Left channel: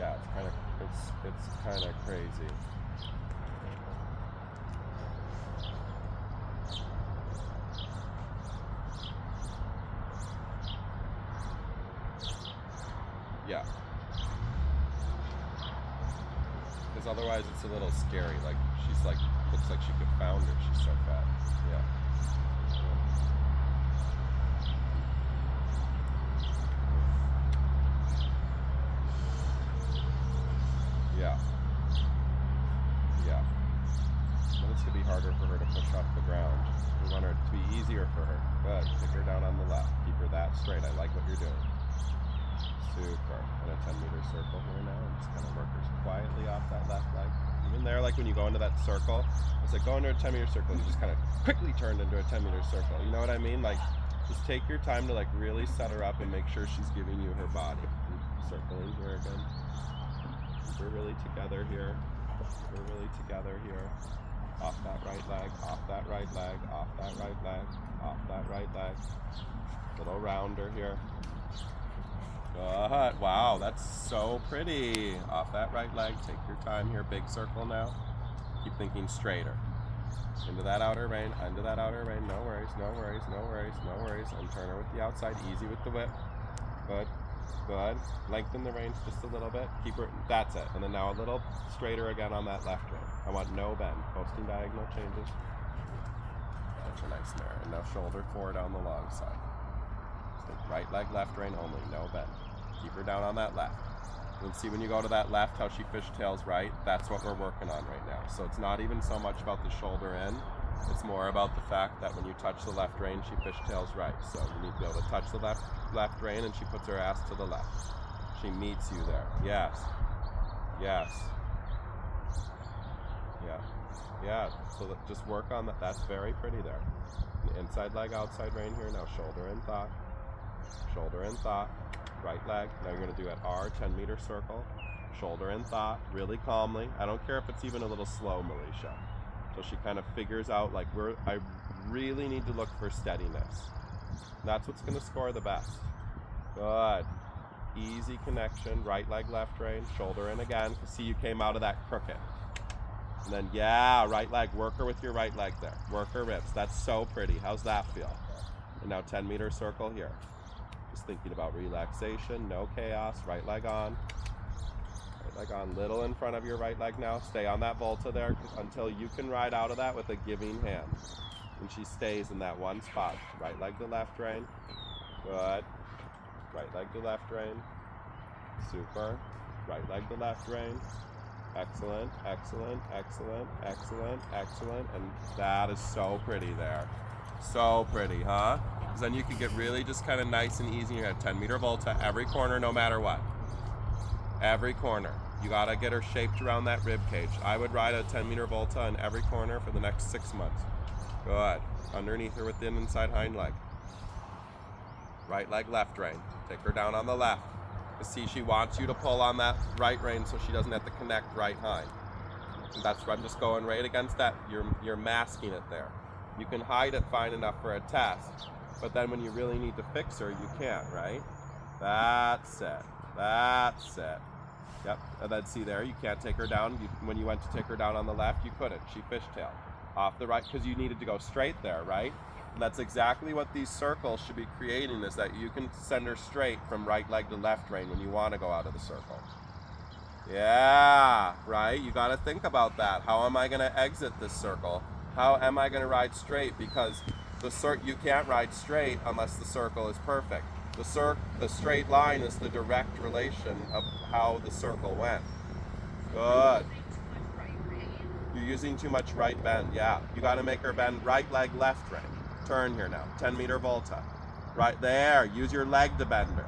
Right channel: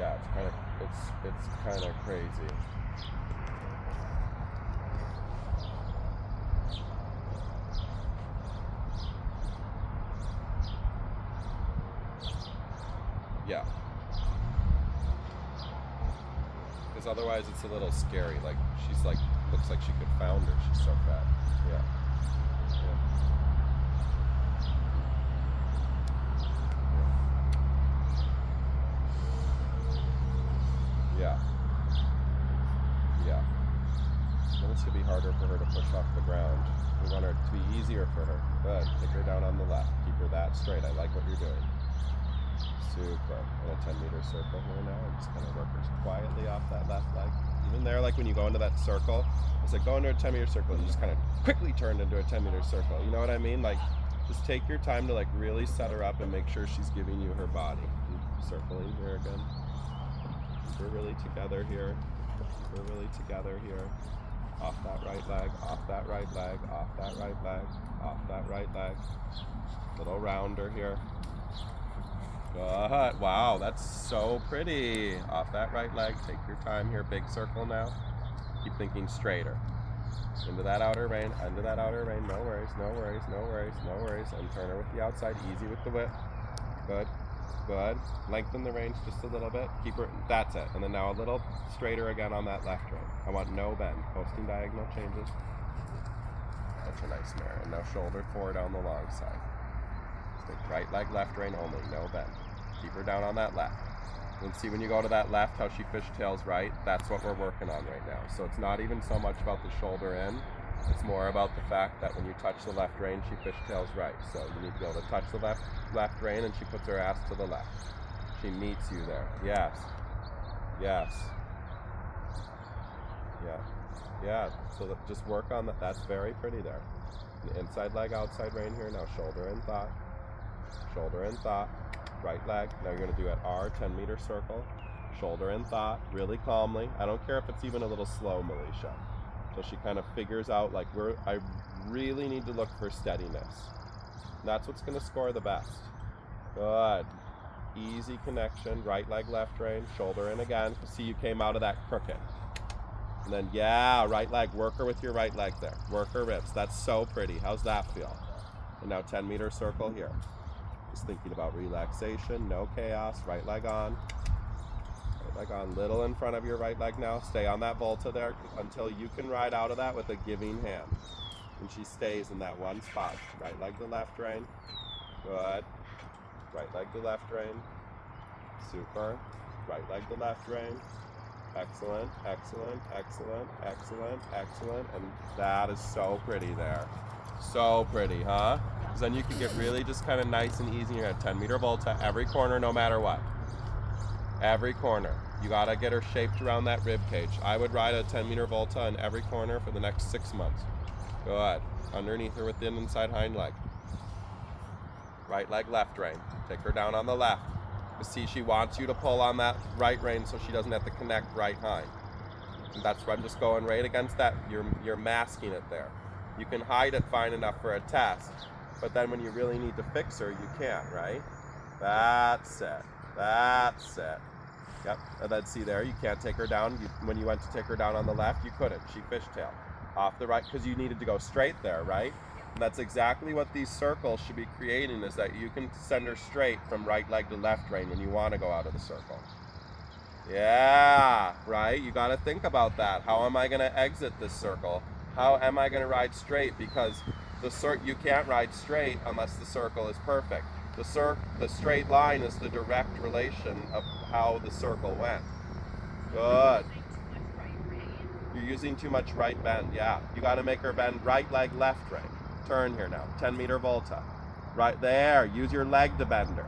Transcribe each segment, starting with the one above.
Yeah, it's kind of crazy. Yeah. Because otherwise it's a little scary. Like she's like looks like she could founder. She's so fat. Yeah. Yeah. Yeah. Then it's gonna be harder for her to push off the ground. We want it to be easier for her. Good. Take her down on the left. Keep her that straight. I like what you're doing. Super. And a 10-meter circle here now. I'm just gonna work her quietly off that left leg. Even there, like when you go into that circle, it's like go into a 10-meter circle and you just kind of quickly turned into a 10-meter circle. You know what I mean? Like just take your time to like really set her up and make sure she's giving you her body. Circling here again. Keep her really together here. Keep her really together here. Off that right leg, off that right leg, off that right leg, off that right leg. Little rounder here. Good. Wow, that's so pretty. Off that right leg, take your time here. Big circle now. Keep thinking straighter. Into that outer rein, under that outer rein. No worries, no worries, no worries, no worries. And turn her with the outside, easy with the whip. Good. Good. Lengthen the reins just a little bit. Keep her, that's it. And then now a little straighter again on that left rein. I want no bend. Posting diagonal changes. Such a nice mare. And now shoulder forward on the long side. Right leg, left rein only, no bend. Keep her down on that left. And see when you go to that left how she fishtails right? That's what we're working on right now. So it's not even so much about the shoulder in, it's more about the fact that when you touch the left rein, she fishtails right. So you need to be able to touch the left rein and she puts her ass to the left. She meets you there. Yes. Yes. Yeah. Yeah. So that, just work on that. That's very pretty there. Inside leg, outside rein here. Now shoulder in thought. Shoulder in thought. Right leg. Now you're going to do it R, 10-meter circle. Shoulder in thought, really calmly. I don't care if it's even a little slow, Milicia. So she kind of figures out, like, I really need to look for steadiness. And that's what's going to score the best. Good. Easy connection. Right leg, left rein. Shoulder in again. See, you came out of that crooked. And then, yeah, right leg. Work her with your right leg there. Work her ribs. That's so pretty. How's that feel? And now 10-meter circle here. Just thinking about relaxation, no chaos. Right leg on. Right leg on. Little in front of your right leg now. Stay on that volta there until you can ride out of that with a giving hand. And she stays in that one spot. Right leg to left rein. Good. Right leg to left rein. Super. Right leg to left rein. Excellent, excellent, excellent, excellent, excellent. And that is so pretty there. So pretty, huh? Because then you can get really just kind of nice and easy. You're at 10-meter volta every corner, no matter what. Every corner. You gotta get her shaped around that rib cage. I would ride a 10-meter volta in every corner for the next 6 months. Good. Underneath her with the inside hind leg. Right leg, left rein. Take her down on the left. You see, she wants you to pull on that right rein so she doesn't have to connect right hind. And that's why I'm just going right against that. You're masking it there. You can hide it fine enough for a test, but then when you really need to fix her, you can't, right? That's it. That's it. Yep. And then see there, you can't take her down. When you went to take her down on the left, you couldn't. She fishtailed. Off the right, because you needed to go straight there, right? And that's exactly what these circles should be creating, is that you can send her straight from right leg to left rein when you want to go out of the circle. Yeah, right? You got to think about that. How am I going to exit this circle? How am I going to ride straight? Because you can't ride straight unless the circle is perfect. The straight line is the direct relation of how the circle went. Good. You're using too much right bend. Yeah, you got to make her bend right leg, left rein. Turn here now. 10-meter volta. Right there. Use your leg to bend her.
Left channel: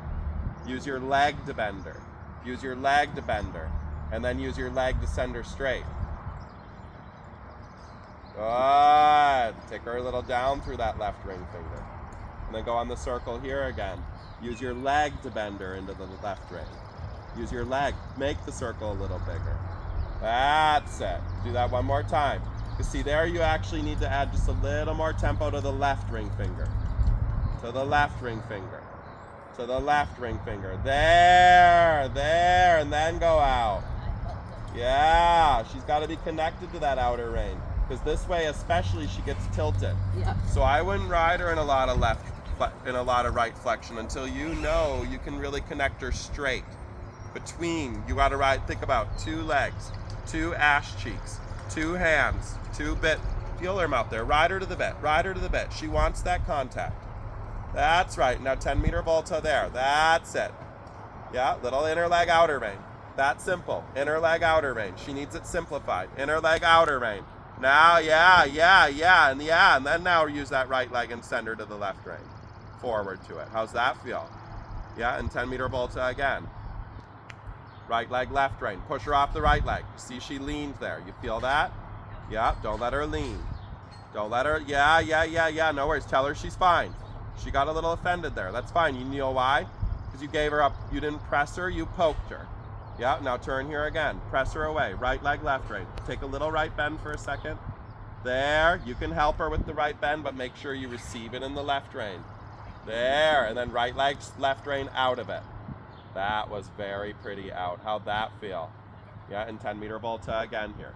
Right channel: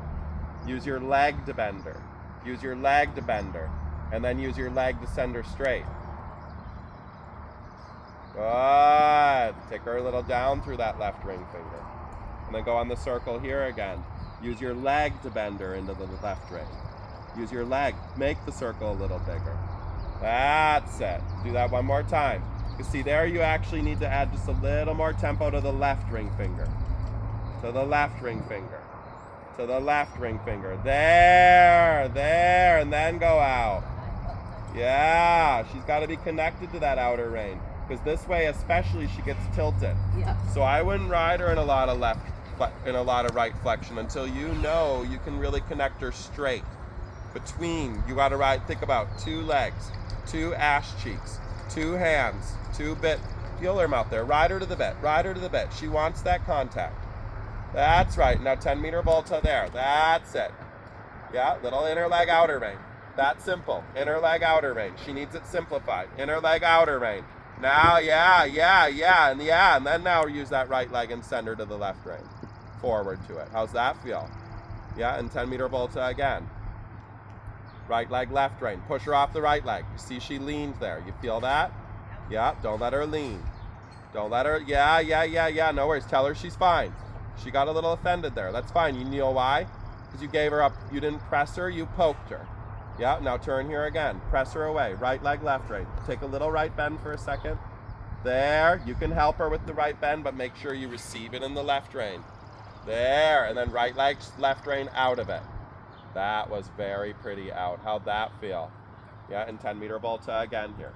Use your leg to bend her. Use your leg to bend her. And then use your leg to send her straight. Good. Take her a little down through that left ring finger. And then go on the circle here again. Use your leg to bend her into the left ring. Use your leg. Make the circle a little bigger. That's it. Do that one more time. You see there, you actually need to add just a little more tempo to the left ring finger. To the left ring finger. To the left ring finger. There, there, and then go out. Yeah, she's got to be connected to that outer rein. Because this way, especially, she gets tilted. Yeah. So I wouldn't ride her in a lot of right flexion until you know you can really connect her straight. Between, you got to ride, think about 2 legs, 2 ash cheeks, 2 hands, 2 bit. Feel her mouth there. Ride her to the bit. Ride her to the bit. She wants that contact. That's right. Now 10-meter volta there. That's it. Yeah, little inner leg, outer rein. That's simple. Inner leg, outer rein. She needs it simplified. Inner leg, outer rein. Now, and then now use that right leg and send her to the left rein. Forward to it. How's that feel? Yeah, and 10-meter volta again. Right leg, left rein. Push her off the right leg. You see she leaned there. You feel that? Yeah, don't let her lean. Don't let her, yeah, no worries. Tell her she's fine. She got a little offended there. That's fine. You know why? Because you gave her up. You didn't press her, you poked her. Yeah, now turn here again. Press her away. Right leg, left rein. Take a little right bend for a second. There. You can help her with the right bend, but make sure you receive it in the left rein. There. And then right leg, left rein out of it. That was very pretty out. How'd that feel? Yeah, and 10-meter volta again here.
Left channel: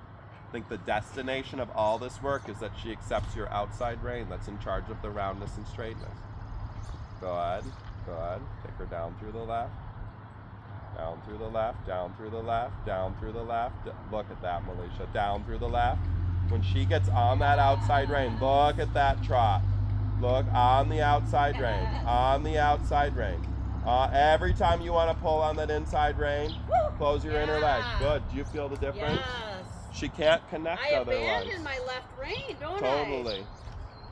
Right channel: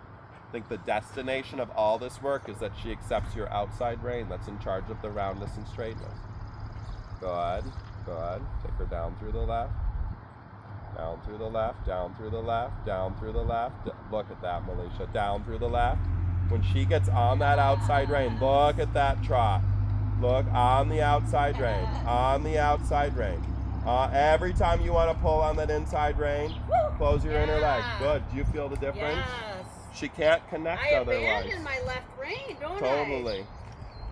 I think the destination of all this work is that she accepts your outside rein that's in charge of the roundness and straightness. Go ahead. Take her down through the left. Down through the left, down through the left, down through the left. Look at that, Milicia. Down through the left. When she gets on that outside rein, look at that trot. Look on the outside rein. On the outside rein. Every time you want to pull on that inside rein, close your inner leg. Good. Do you feel the difference? Yes. She can't connect I otherwise. abandoned my left rein, don't I? Totally.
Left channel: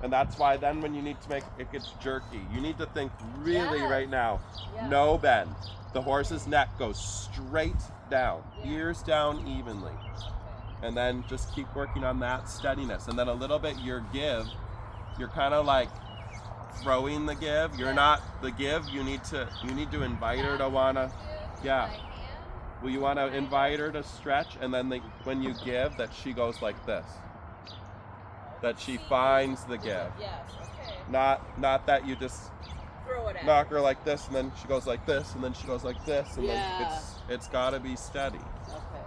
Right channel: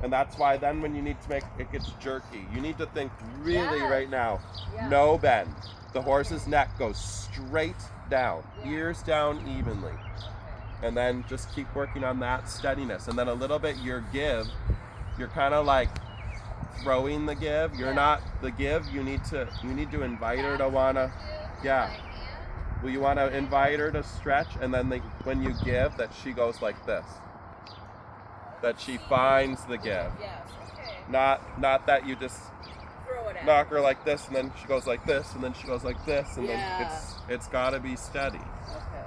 And that's why then when you need to make it gets jerky, you need to think really Yes. right now. Yeah. No bend. The horse's neck goes straight down, ears down evenly. And then just keep working on that steadiness. And then a little bit your give, you're kind of like throwing the give. You're not the give. You need to invite her to wanna, Well, you want to invite her to stretch, and then when you give, that she goes like this. That she finds the give. Yes, okay. Not that you just Throw it out. knock her like this, and then she goes like this, and then she goes like this, and then Yeah. it's got to be steady. Okay.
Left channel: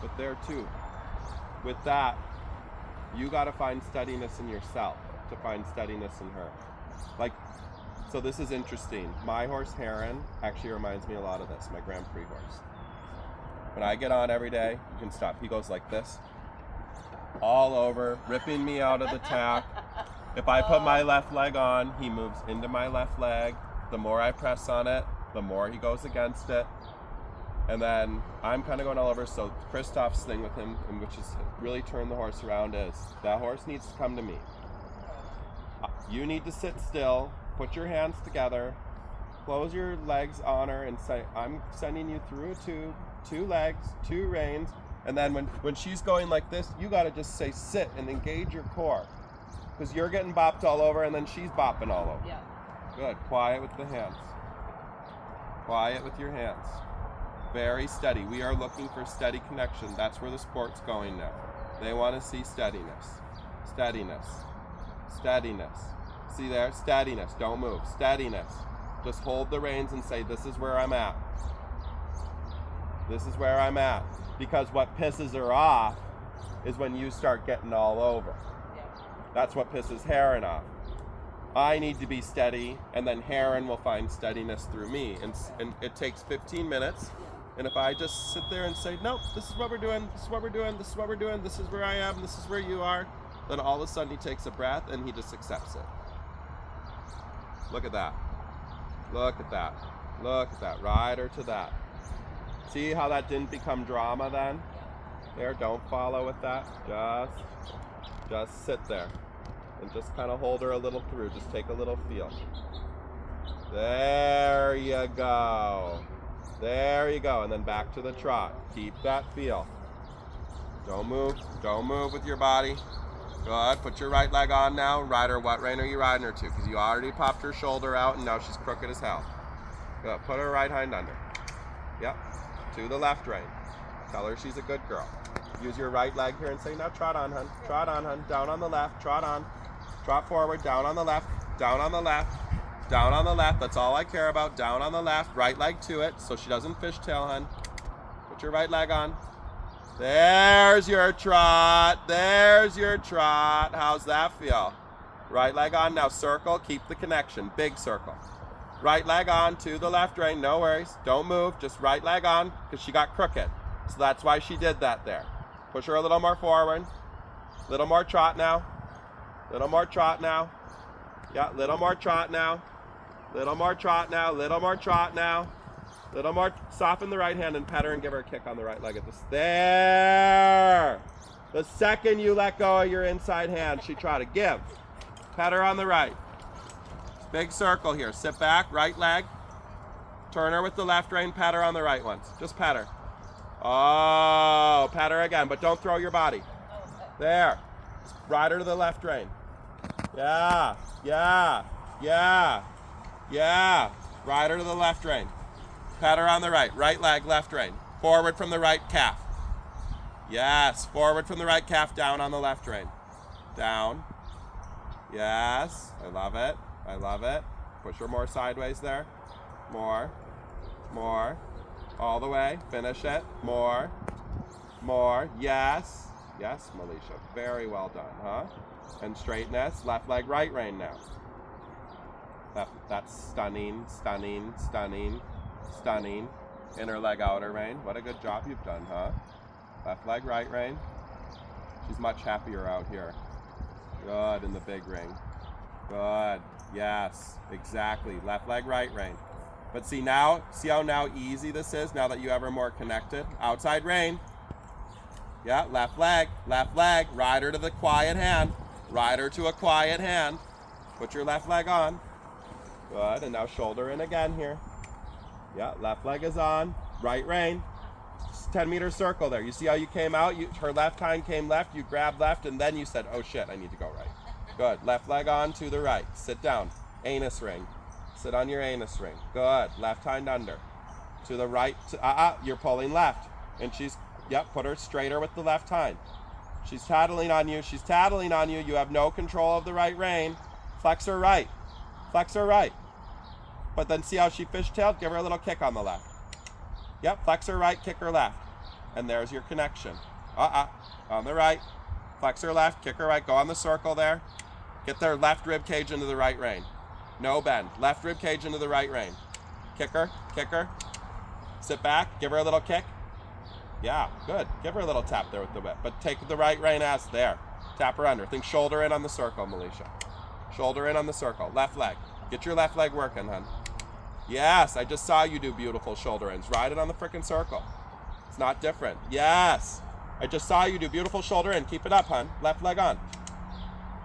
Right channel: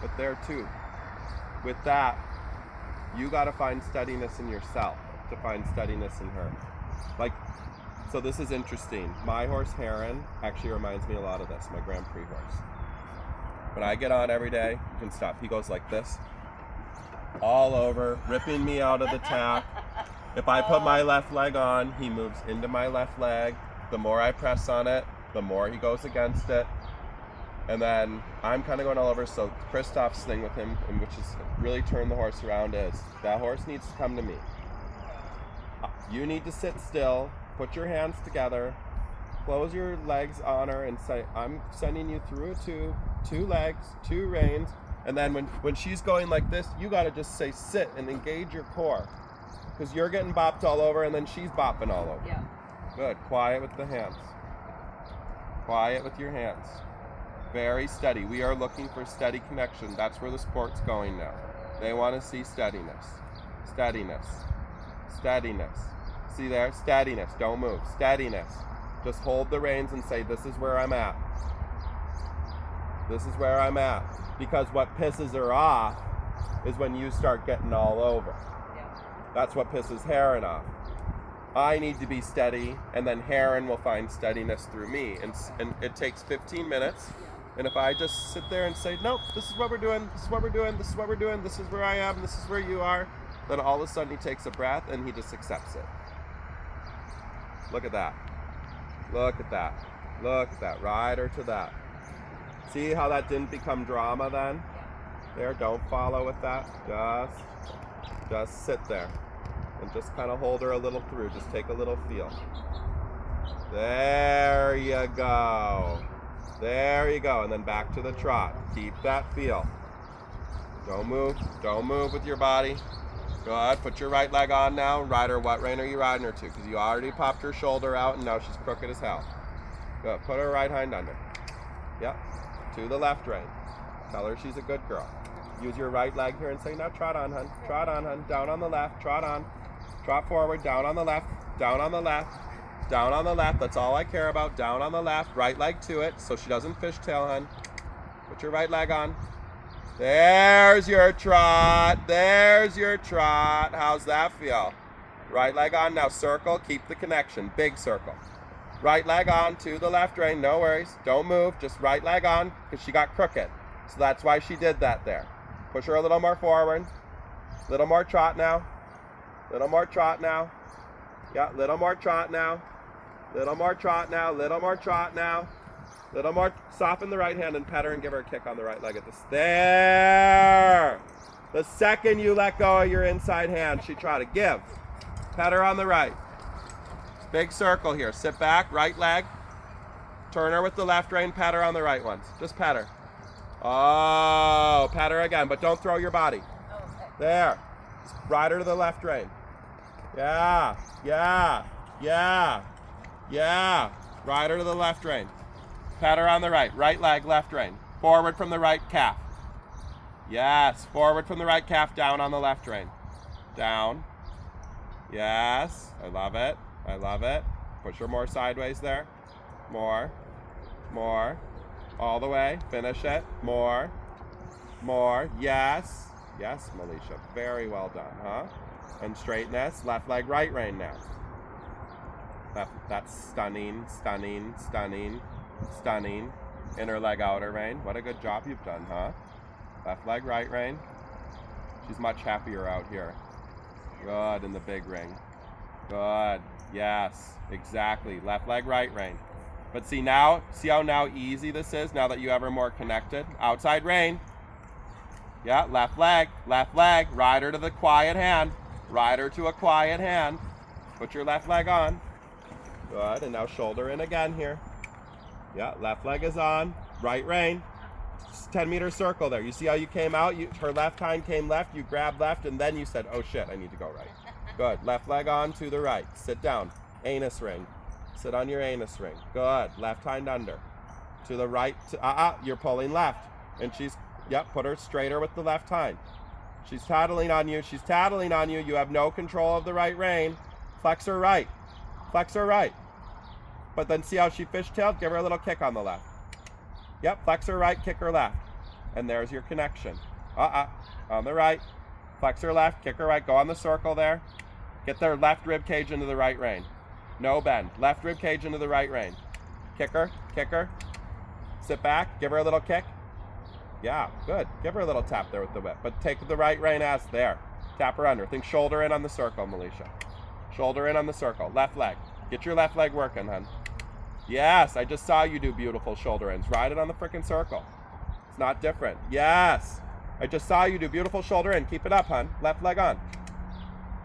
But there too, with that, you got to find steadiness in yourself to find steadiness in her. Like, so this is interesting. My horse Heron actually reminds me a lot of this, my Grand Prix horse. When I get on every day, you can stop. He goes like this, all over, ripping me out of the tack. If I put my left leg on, he moves into my left leg. The more I press on it, the more he goes against it. And then I'm kind of going all over. So Christoph's thing with him, and which is really turn the horse around, is that horse needs to come to me. You need to sit still, put your hands together, close your legs on her, and say, I'm sending you through a tube, 2 legs, 2 reins. And then when she's going like this, you got to just say sit and engage your core. Because you're getting bopped all over, and then she's bopping all over. Yeah. Good. Quiet with the hands. Quiet with your hands. Very steady. We are looking for steady connection. That's where the sport's going now. They want to see steadiness. Steadiness. Steadiness. See there? Steadiness. Don't move. Steadiness. Just hold the reins and say, this is where I'm at. This is where I'm at. Because what pisses her off is when you start getting all over. Yeah. That's what pisses Heron off. I need to be steady, and then Heron will find steadiness through me. And it takes 15 minutes. And if I just sit there and say, nope, this is what we're doing, this is what we're doing, this is what we're doing, this is where I am, this is where you are, then all of a sudden he takes a breath and he just accepts it. Look at that. Look at that. Look at that. Ride her to that. See how that didn't become drama then? There, don't follow with that. Just sit there. And just kind of hold her a little through. Just take a little feel. There you go. There you go. And then back to the trot. Keep that feel. Don't move. Don't move with your body. Good. Put your right leg on now. Ride her. What rein are you riding her to? Because you already popped her shoulder out and now she's crooked as hell. Good. Put her right hind under. Yep. To the left rein. Tell her she's a good girl. Use your right leg here and say, now trot on, hun. Trot on, hun. Down on the left. Trot on. Trot forward. Down on the left. Down on the left. Down on the left. That's all I care about. Down on the left. Right leg to it so she doesn't fishtail, hun. Put your right leg on. There's your trot. There's your trot. How's that feel? Right leg on. Now circle. Keep the connection. Big circle. Right leg on to the left rein. No worries. Don't move. Just right leg on because she got crooked. So that's why she did that there. Push her a little more forward. Little more trot now. Little more trot now. Yeah, little more trot now. Little more trot now. Little more trot now. Little more. Soften the right hand and pet her and give her a kick on the right leg at this. There. The second you let go of your inside hand, she trotted. Give. Pet her on the right. Big circle here. Sit back. Right leg. Turn her with the left rein. Pet her on the right one. Just pet her. Oh, pat her again, but don't throw your body. Okay. There. Just ride her to the left rein. Yeah, yeah, yeah, yeah. Ride her to the left rein. Pat her on the right. Right leg, left rein. Forward from the right calf. Yes, forward from the right calf, down on the left rein. Down. Yes, I love it. I love it. Push her more sideways there. More. More. All the way. Finish it. More. More. Yes. Yes, Melisha. Very well done, huh? And straighten this. Left leg, right rein now. That's stunning, stunning, stunning, stunning. Inner leg, outer rein. What a good job you've done, huh? Left leg, right rein. She's much happier out here. Good in the big ring. Good. Yes, exactly. Left leg, right rein. But see now, see how now easy this is now that you have her more connected? Outside rein. Yeah, left leg, ride her to the quiet hand. Ride her to a quiet hand. Put your left leg on. Good, and now shoulder in again here. Yeah, left leg is on. Right rein. 10-meter circle there. You see how you came out? Her left hind came left, you grabbed left, and then you said, oh shit, I need to go right. Good, left leg on to the right. Sit down. Anus ring. Sit on your anus ring. Good. Left hind under. To the right. You're pulling left. And she's, yep, put her straighter with the left hind. She's tattling on you. She's tattling on you. You have no control of the right rein. Flex her right. Flex her right. But then see how she fishtailed? Give her a little kick on the left. Yep, flex her right, kick her left. And there's your connection. On the right. Flex her left, kick her right. Go on the circle there. Get their left rib cage into the right rein. No bend. Left rib cage into the right rein. Kick her, kick her. Sit back, give her a little kick. Yeah, good. Give her a little tap there with the whip. But take the right rein as there. Tap her under. Think shoulder in on the circle, Melisha. Shoulder in on the circle. Left leg. Get your left leg working, hun. Yes, I just saw you do beautiful shoulder ins. Ride it on the frickin' circle. It's not different. Yes. I just saw you do beautiful shoulder in. Keep it up, hun. Left leg on.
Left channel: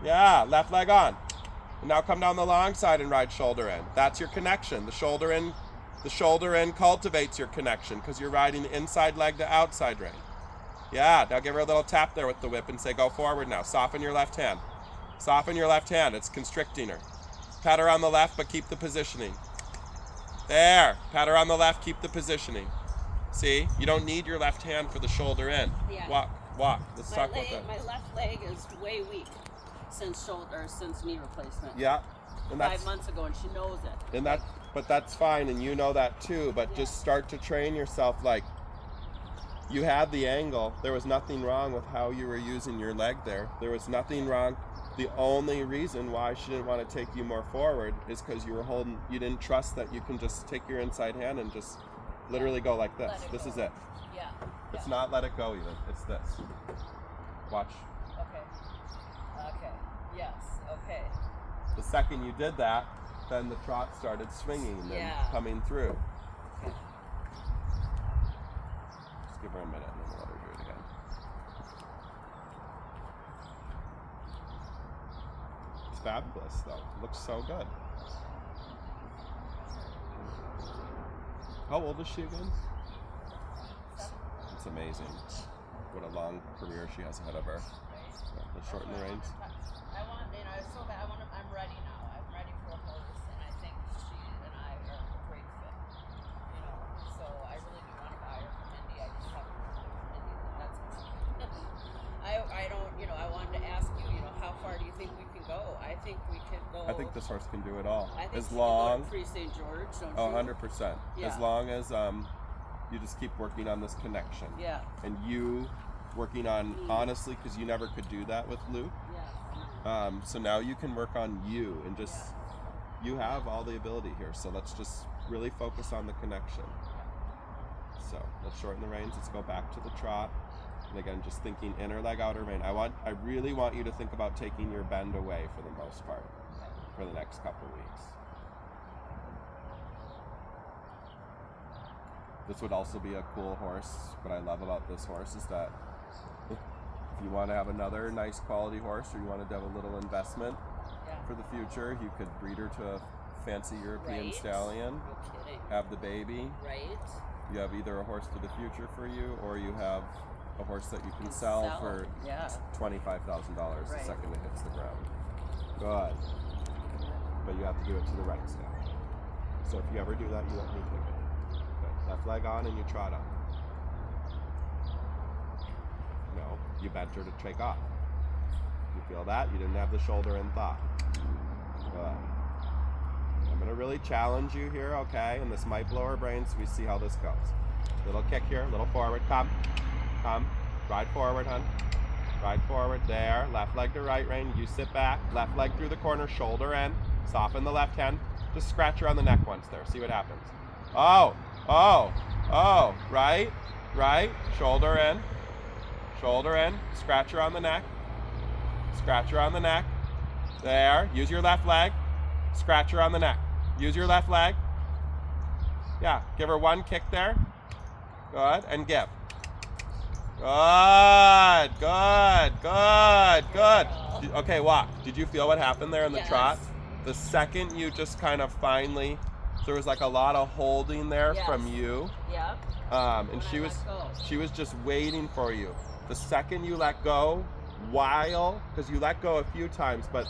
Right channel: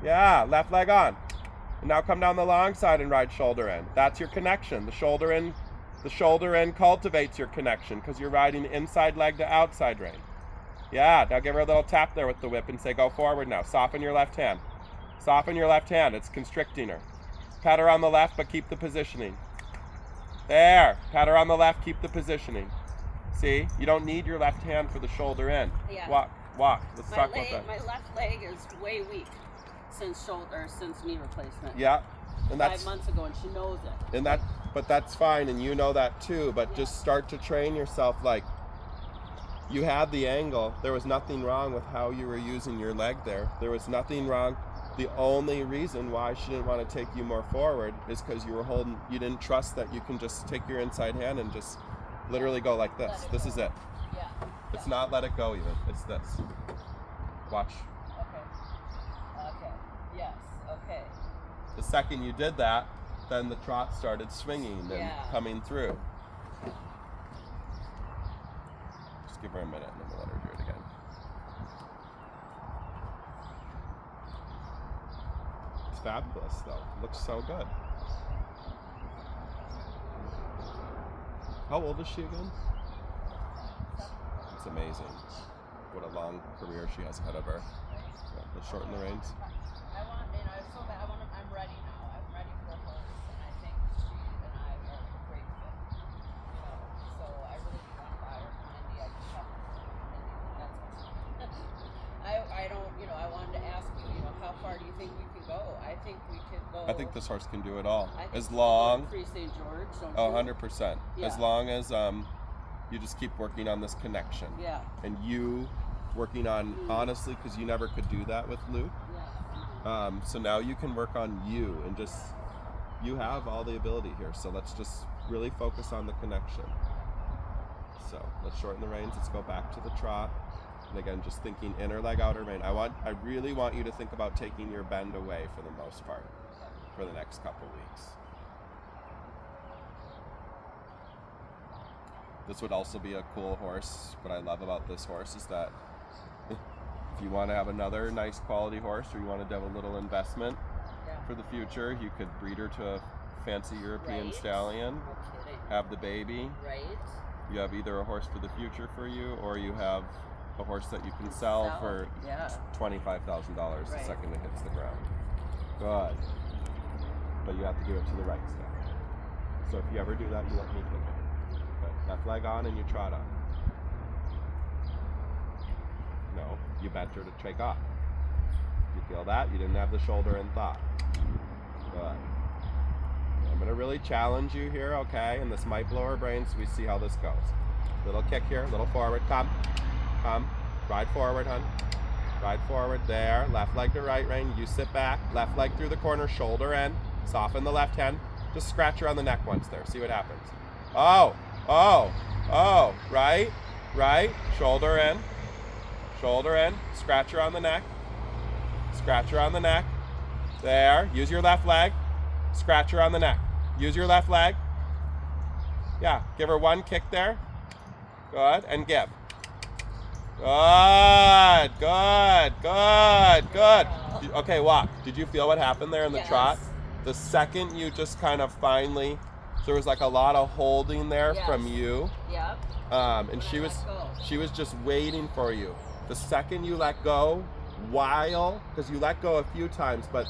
Yeah, left leg on. And now come down the long side and ride shoulder in. That's your connection. The shoulder in cultivates your connection because you're riding inside leg to outside rein. Yeah, now give her a little tap there with the whip and say, go forward now. Soften your left hand. Soften your left hand. It's constricting her. Pat her on the left, but keep the positioning. There. Pat her on the left, keep the positioning. See? You don't need your left hand for the shoulder in. Yeah. Walk. Let's talk about that. My left leg is way weak since knee replacement. Yeah. And 5 months ago, and she knows it. But that's fine, and you know that too. But Yeah. just start to train yourself. Like, you had the angle. There was nothing wrong with how you were using your leg there. There was nothing wrong. The only reason why she didn't want to take you more forward is because you didn't trust that you can just take your inside hand and just literally go like this. This is it. Yeah. It's not let it go even. It's this. Watch. Okay. Yes. Okay. The second you did that, then the trot started swinging and coming through. Okay. Just give her a minute and then we'll let her do it again. It's fabulous though. It looks so good. How old is she again? 7. It's amazing. What a long career she has ahead of her. Right? Yeah, let's That's shorten what the I want reins. I want, it's so bad. I'm ready now. I'm ready for a horse, and I think she and I are a great fit. So I really do want to buy her from Indy. I just haven't heard from Indy that that's what I don't, I wanted to ask you, how far do you think we can go? I think we could go. I think this horse can do it all. I think As you could go long, to Free St. George, don't you? 100%. Yeah. As long as you just keep working on this connection. Yeah. And you working on, honestly, because you never could do that with Luke. Yeah. So now you can work on you and just, you have all the ability here. So let's just really focus on the connection. So let's shorten the reins. Let's go back to the trot. And again, just thinking inner leg, outer rein. I really want you to think about taking your bend away for the most part for the next couple weeks. This would also be a cool horse. What I love about this horse is that if you want to have another nice quality horse, or you want to have a little investment for the future, you could breed her to a fancy European Right. stallion, No kidding. have the baby. Right. You have either a horse for the future for you, or you have a horse that you can sell for Yeah. $25,000 the Right. second it hits the ground. Good. But you have to do it to the right step. So if you ever do that, you let me pick it. Good. Left leg on and you trot up. No, you bent her to take off. You feel that? You didn't have the shoulder in thought. Good. I'm going to really challenge you here, okay? And this might blow her brains, so we see how this goes. Little kick here, little forward, come. Ride forward, hun. Ride forward, there. Left leg to right rein, you sit back. Left leg through the corner, shoulder in. Soften the left hand. Just scratch her on the neck once there, see what happens. Oh, right, shoulder in. Shoulder in, scratch her on the neck. Scratch her on the neck. There, use your left leg. Scratch her on the neck. Use your left leg. Yeah, give her one kick there. Good, and give. Good. Okay, walk. Did you feel what happened there in the Yes. trot? The second you just kind of finally, there was like a lot of holding there Yes. from you. Yep. And When she I was let go. she was just waiting for you. The second you let go, because you let go a few times, but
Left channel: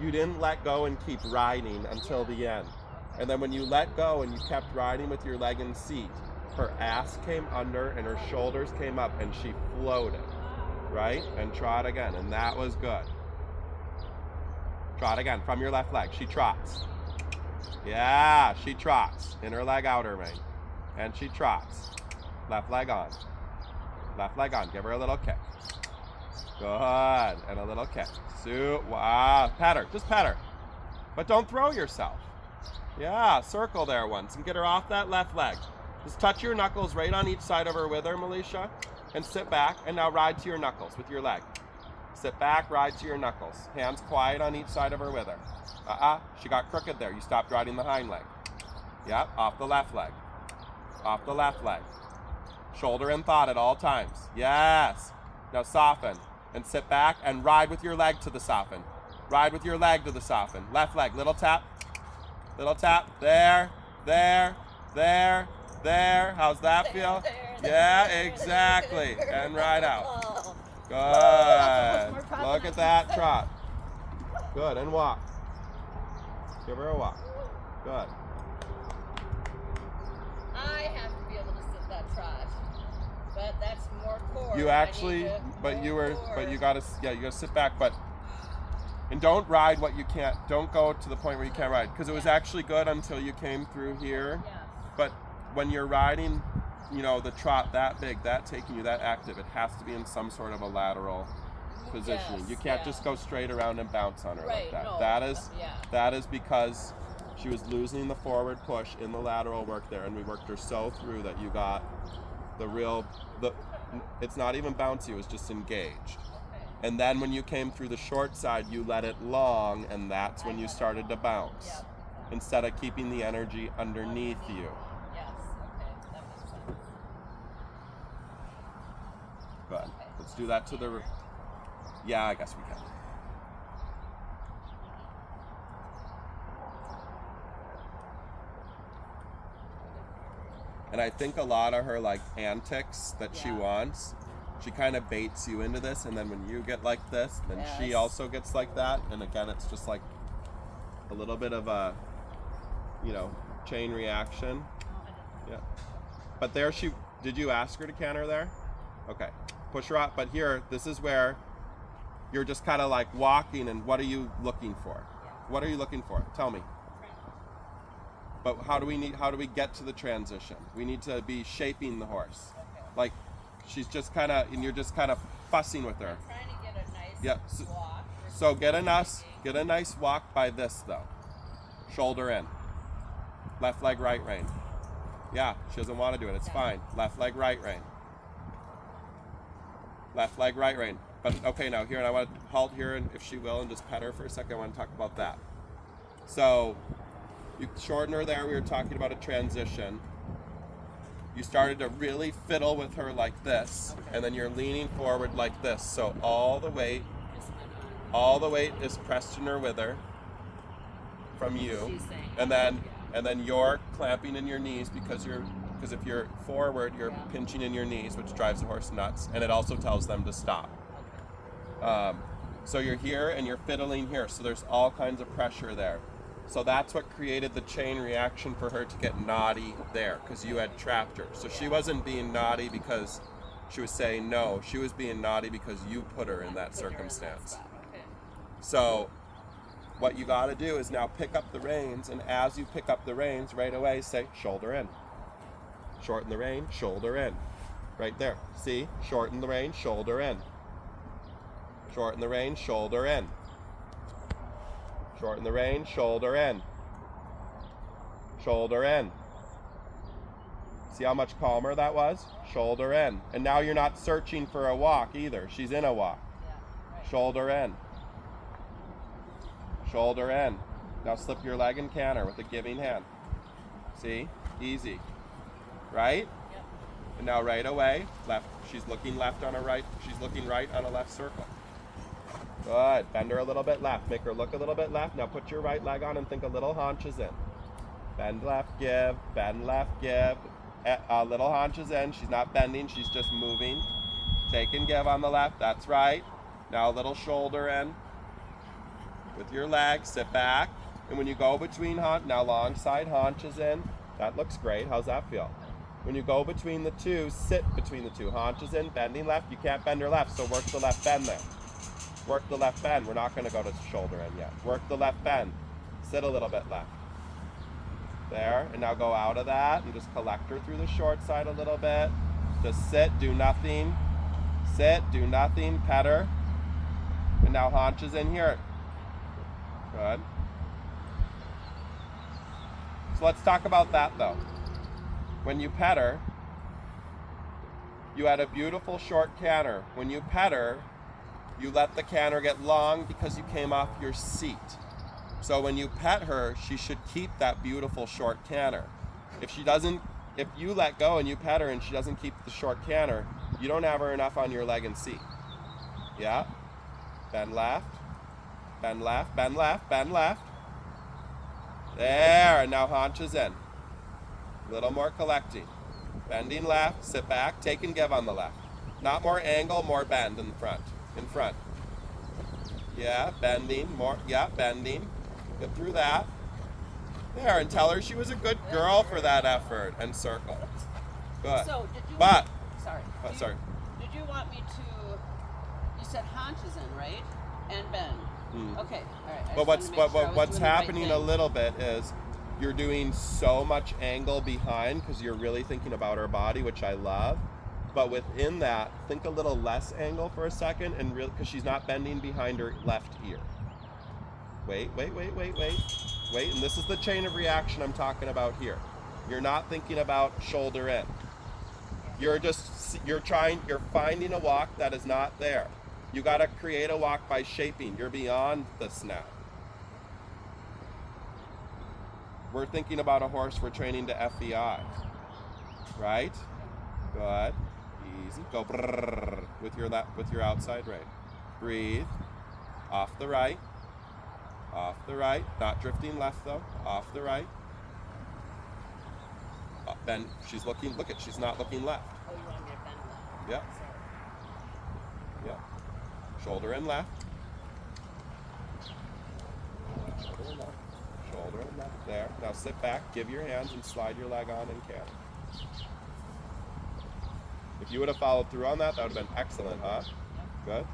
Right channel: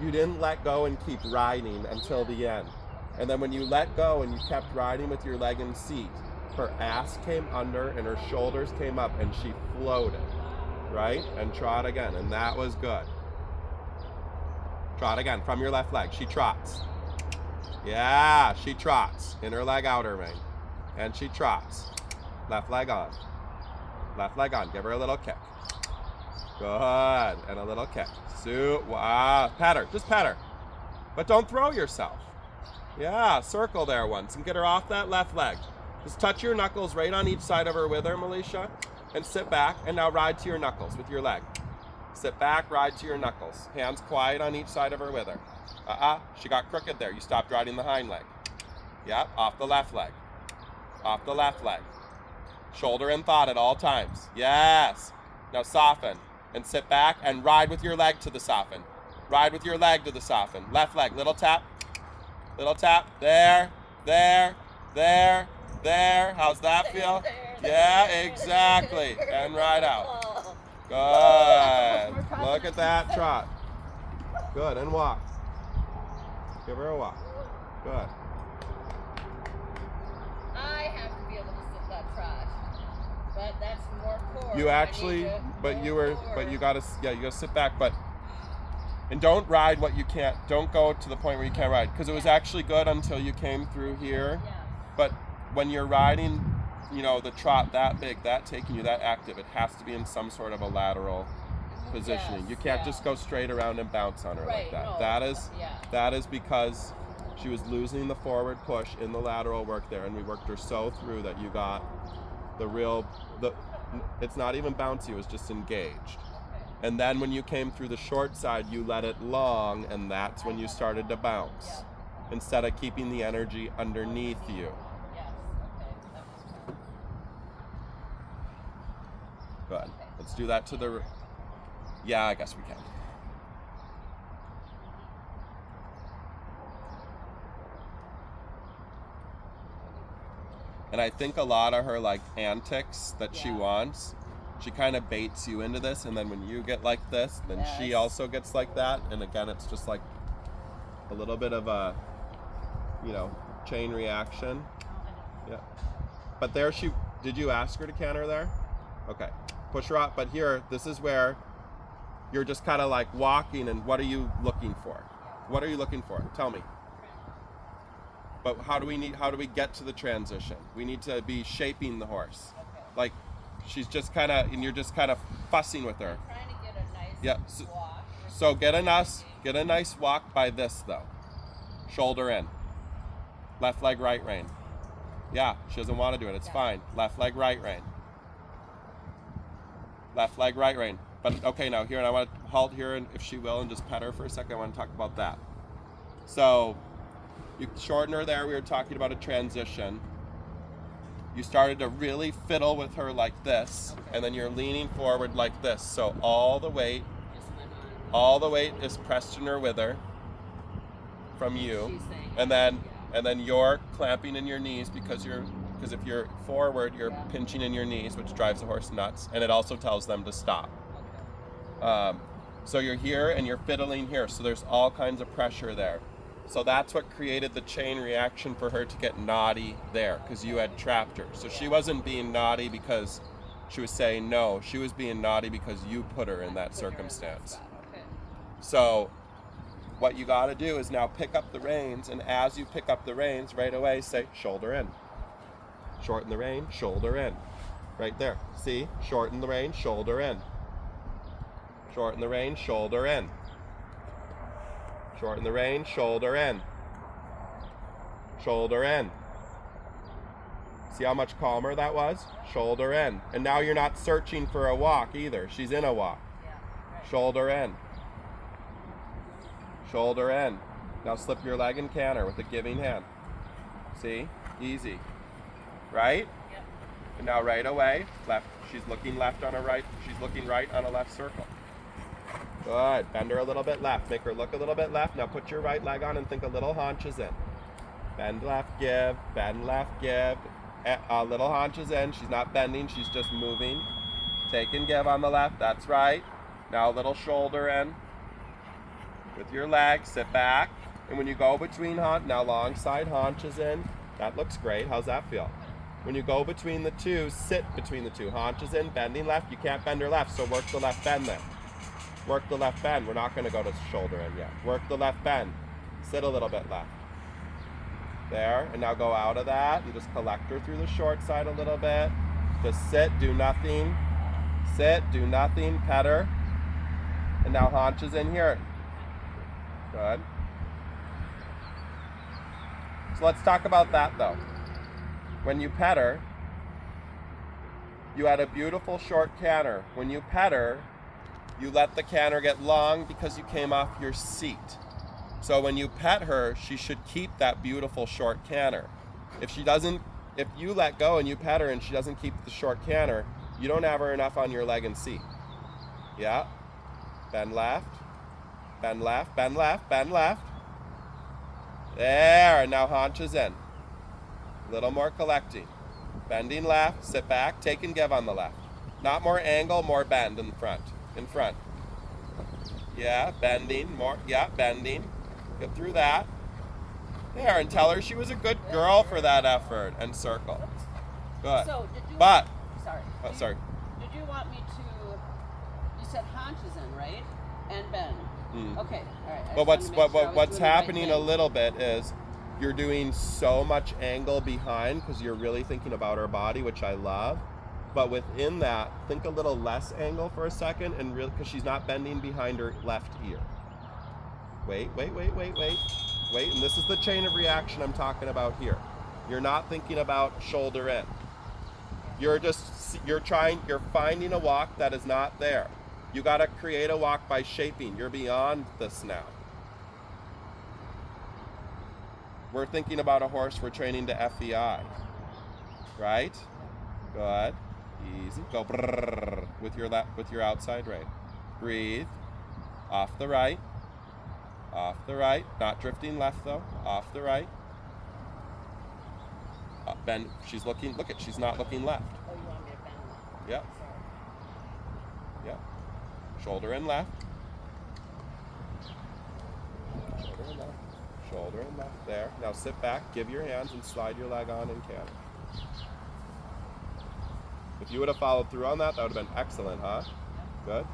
you didn't let go and keep riding until the end. And then when you let go and you kept riding with your leg in seat, her ass came under and her shoulders came up and she floated, right? And trot again, and that was good. Trot again from your left leg. She trots. Yeah, she trots. Inner leg, outer rein. And she trots. Left leg on. Left leg on. Give her a little kick. Good. And a little kick. Pat her. Just pat her. But don't throw yourself. Yeah, circle there once and get her off that left leg. Just touch your knuckles right on each side of her wither, Melisha, and sit back. And now ride to your knuckles with your leg. Sit back, ride to your knuckles. Hands quiet on each side of her wither. She got crooked there. You stopped riding the hind leg. Yep, off the left leg. Off the left leg. Shoulder in thought at all times. Yes. Now soften and sit back and ride with your leg to the soften. Ride with your leg to the soften. Left leg, little tap. Little tap. There. How's that feel? Yeah, exactly. And ride out. Good. Look at that trot. Good. And walk. Give her a walk. Good. I have to be able to sit that trot. But that's more core. You actually, you gotta sit back, and don't ride what you can't. Don't go to the point where you can't ride, because it was actually good until you came through here. Yes. But when you're riding, the trot that big, that taking you that active, it has to be in some sort of a lateral positioning. Yes, You can't yeah. just go straight around and bounce on her Right, like that. no, yeah. That is because she was losing the forward push in the lateral work there, and we worked her so through that you got it's not even bouncy, it was just engaged. Okay. And then when you came through the short side, you let it long, and that's when you started to bounce. Yeah. Instead of keeping the energy underneath you. Yes. Okay. That makes sense. Good. Okay. Let's do that to the... Yeah, I guess we can. And I think a lot of her like antics that she Yeah. wants, she kind of baits you into this, and then when you get like this, then she Yes. also gets like that. And again, it's just like a little bit of a, chain reaction. No, I didn't. Yeah. But there did you ask her to canter there? Okay. Push her up. But here, this is where you're just kind of like walking, and what are you looking for? What are you looking for? Tell me. But how do we get to the transition? We need to be shaping the horse. Okay. Like she's just kind of, and you're just kind of fussing with her. I'm trying to get a nice Yeah, walk. So get a nice walk by this though. Shoulder in. Left leg, right rein. Yeah, she doesn't want to do it. It's fine. Left leg, right rein. Left leg, right rein. But okay, now here, and I want to halt here, and if she will, and just pet her for a second. I want to talk about that. So you shorten her there. We were talking about a transition. You started to really fiddle with her like this, and then you're leaning forward like this. So all the weight is pressed in her wither from you, and then you're clamping in your knees because if you're forward, you're pinching in your knees, which drives the horse nuts, and it also tells them to stop. So you're here and you're fiddling here, so there's all kinds of pressure there. So that's what created the chain reaction for her to get naughty there, because you had trapped her. So she wasn't being naughty because she was saying no. She was being naughty because you put her in that circumstance. Okay. So what you got to do is now pick up the reins, and as you pick up the reins, right away say shoulder in. Shorten the rein, shoulder in. Right there. See? Shorten the rein, shoulder in. Shorten the rein, shoulder in. Shorten the rein, shoulder in. Shoulder in. See how much calmer that was? Shoulder in. And now you're not searching for a walk either. She's in a walk. Yeah. Right. Shoulder in. Shoulder in. Now slip your leg and canter with a giving hand. See? Easy. Right? Yep. And now right away, left. She's looking left on a right. She's looking right on a left circle. Good. Bend her a little bit left. Make her look a little bit left. Now put your right leg on and think a little haunches in. Bend left, give. Bend left, give. Little haunches in. She's not bending. She's just moving. Take and give on the left. That's right. Now a little shoulder in. With your leg, sit back. And when you go between now long side haunches in. That looks great. How's that feel? When you go between the two, sit between the two. Haunches in, bending left. You can't bend her left, so work the left bend there. Work the left bend. We're not going to go to shoulder in yet. Work the left bend. Sit a little bit left. There. And now go out of that and just collect her through the short side a little bit. Just sit, do nothing. Sit, do nothing, pet her. And now haunches in here. Good. So let's talk about that though. When you pet her, you had a beautiful short canter. When you pet her, you let the canter get long because you came off your seat. So when you pet her, she should keep that beautiful short canter. If you let go and you pet her and she doesn't keep the short canter, you don't have her enough on your leg and seat. Yeah? Bend left, bend left, bend left, bend left. There, and now haunches in. Little more collecting. Bending left, sit back, take and give on the left. Not more angle, more bend in front. In front. Yeah, bending, more, yeah, bending. Get through that. There, and tell her she was a good girl for that effort, and circle. Good. So did you? But, Sorry. sorry. Did you want me to? You said haunches in, right? And bend. Okay. All right. But what's happening a little bit is you're doing so much angle behind because you're really thinking about her body, which I love. But within that, think a little less angle for a second, and because she's not bending behind her left ear. Wait. And this is the chain of reaction I'm talking about here. You're not thinking about shoulder in. You're finding a walk that is not there. You got to create a walk by shaping. You're beyond this now. We're thinking about a horse we're training to FEI. Right? Good. Easy. Go brrrr with your outside rein. Breathe. Off the right. Off the right. Not drifting left though. Off the right. Bend. She's looking. Look at. She's not looking left. Oh, you want me to bend left? Yep. Sorry. Yep. Shoulder in left. Shoulder in left. Shoulder in left. There. Now sit back. Give your hands and slide your leg on and canter. If you would have followed through on that, that would have been excellent, huh? Good.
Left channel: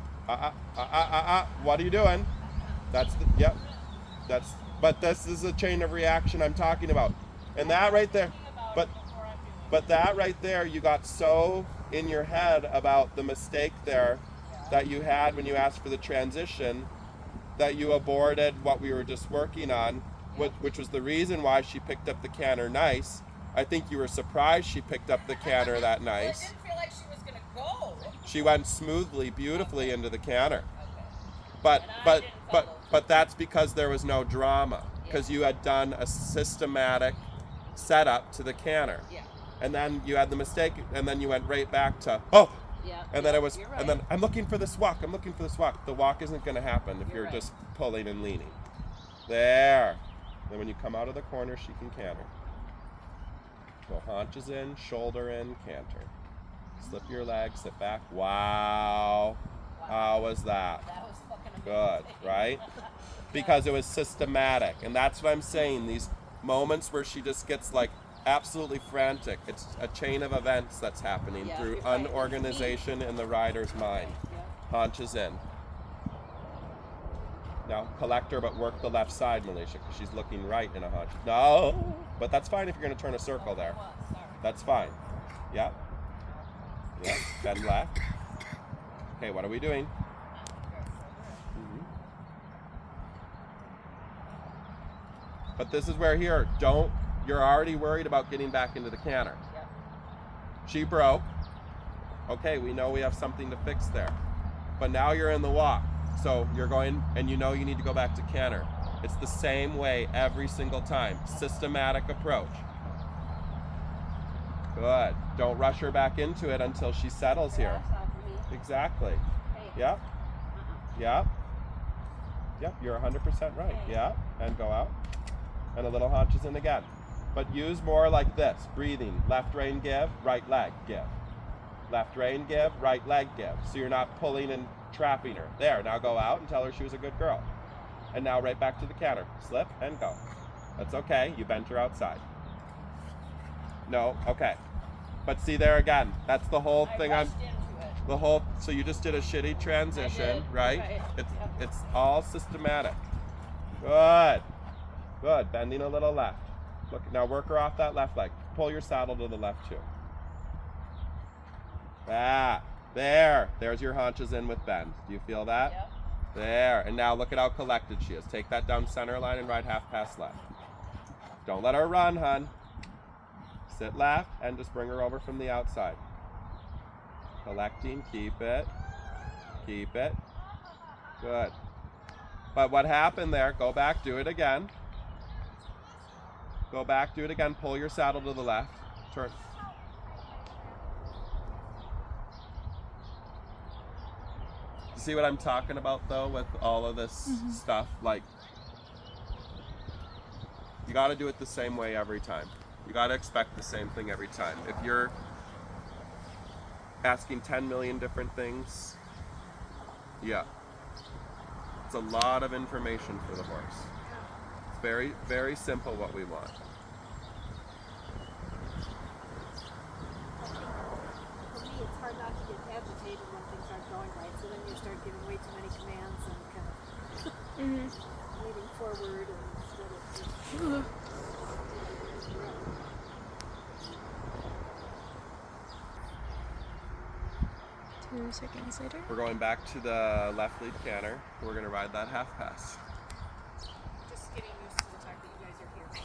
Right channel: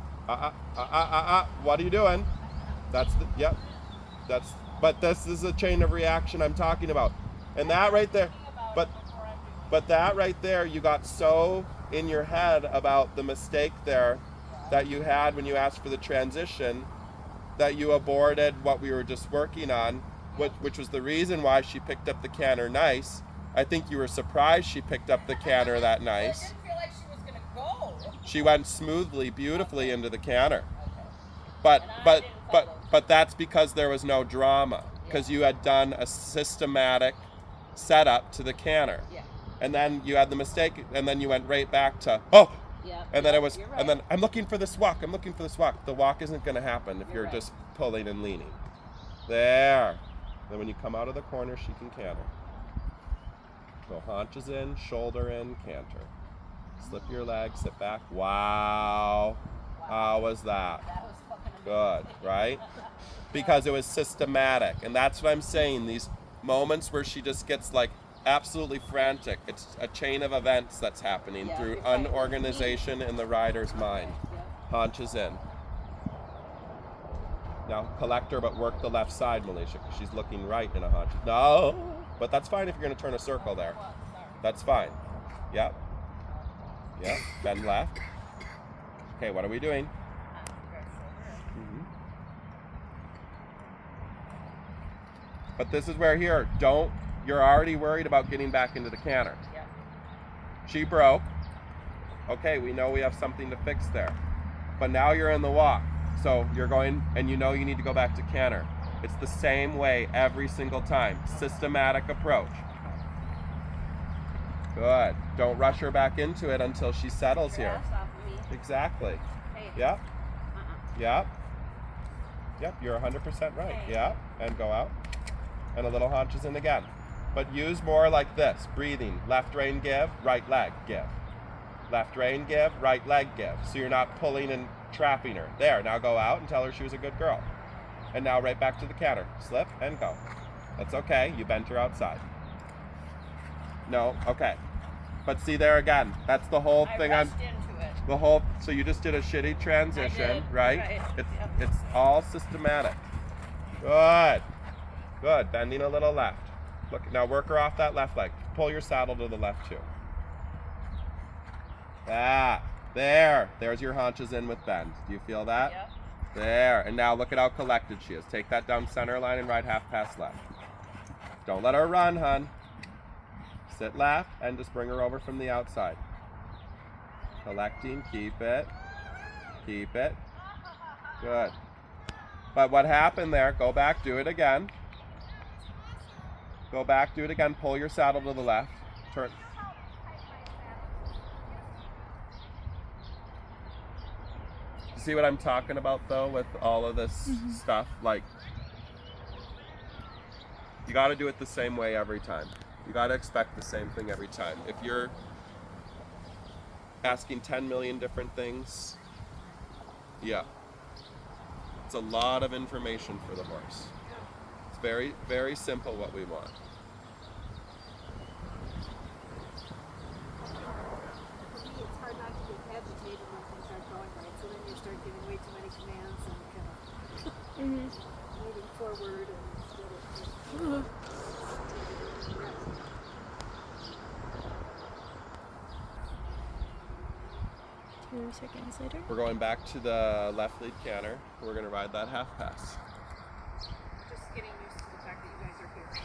What are you doing? That's the, yep. That's, but this is a chain of reaction I'm talking about. And that right there, but that right there, you got so in your head about the mistake there that you had when you asked for the transition that you aborted what we were just working on, which was the reason why she picked up the canter nice. I think you were surprised she picked up the canter that nice. Well, it didn't feel like she was gonna go. She went smoothly, beautifully into the canter. Okay. But that's because there was no drama, because you had done a systematic setup to the canter. Yeah. And then you had the mistake, and then you went right back to, oh! Yeah. And then it was, You're right. and then I'm looking for this walk, I'm looking for this walk. The walk isn't gonna happen if You're you're right. just pulling and leaning. There. Then when you come out of the corner, she can canter. Go haunches in, shoulder in, canter. Slip your leg, sit back. Wow. How was that? That was fucking Good, amazing. right? Because it was systematic. And that's what I'm saying. These moments where she just gets like absolutely frantic. It's a chain of events that's happening Yeah, through you're right. unorganization in the rider's mind. Yeah. Haunches in. Now collect her, but work the left side, Militia, because she's looking right in a haunch. No, but that's fine if you're going to turn a circle there. Well, sorry. That's fine. Yep. Yep. Bend left. Okay, what are we doing? Mm-hmm. But this is where here, you're already worried about getting back into the canter. Yep. She broke. Okay, we know we have something to fix there. But now you're in the walk. So you're going, and you know you need to go back to canter. It's the same way every single time. Systematic approach. Good. Don't rush her back into it until she settles Your here. ass off of me. Exactly. Hey. Yep. Yep. Yep, you're 100% right. Hey. Yeah. And go out. And a little haunches in again. But use more like this. Breathing. Left rein give, right leg give. Left rein give, right leg give. So you're not pulling and trapping her. There, now go out and tell her she was a good girl. And now right back to the canter. Slip and go. That's okay. You bent her outside. No, okay. But see there again. That's the whole thing. I rushed into it. The whole, so you just did a shitty transition, did, right? right, yep. It's all systematic. Good. Good. Bending a little left. Look, now work her off that left leg. Pull your saddle to the left too. Ah, there. There's your haunches in with bend. Do you feel that? Yep. There. And now look at how collected she is. Take that down center line and ride half past left. Don't let her run, hun. Sit left and just bring her over from the outside. Collecting, keep it. Keep it. Good. But what happened there, go back, do it again. Go back, do it again, pull your saddle to the left. Turn. You see what I'm talking about though with all of this stuff? Like, you gotta do it the same way every time. You gotta expect the same thing every time. If you're asking 10 million different things, yeah. It's a lot of information for the horse. It's very, very simple what we want. For me, it's hard not to get agitated when things aren't going right. So then you start giving way too many commands and kind of moving forward instead of. 2 seconds later. We're going back to the left lead canter. We're gonna ride that half pass. Just getting used to the fact that you guys are here.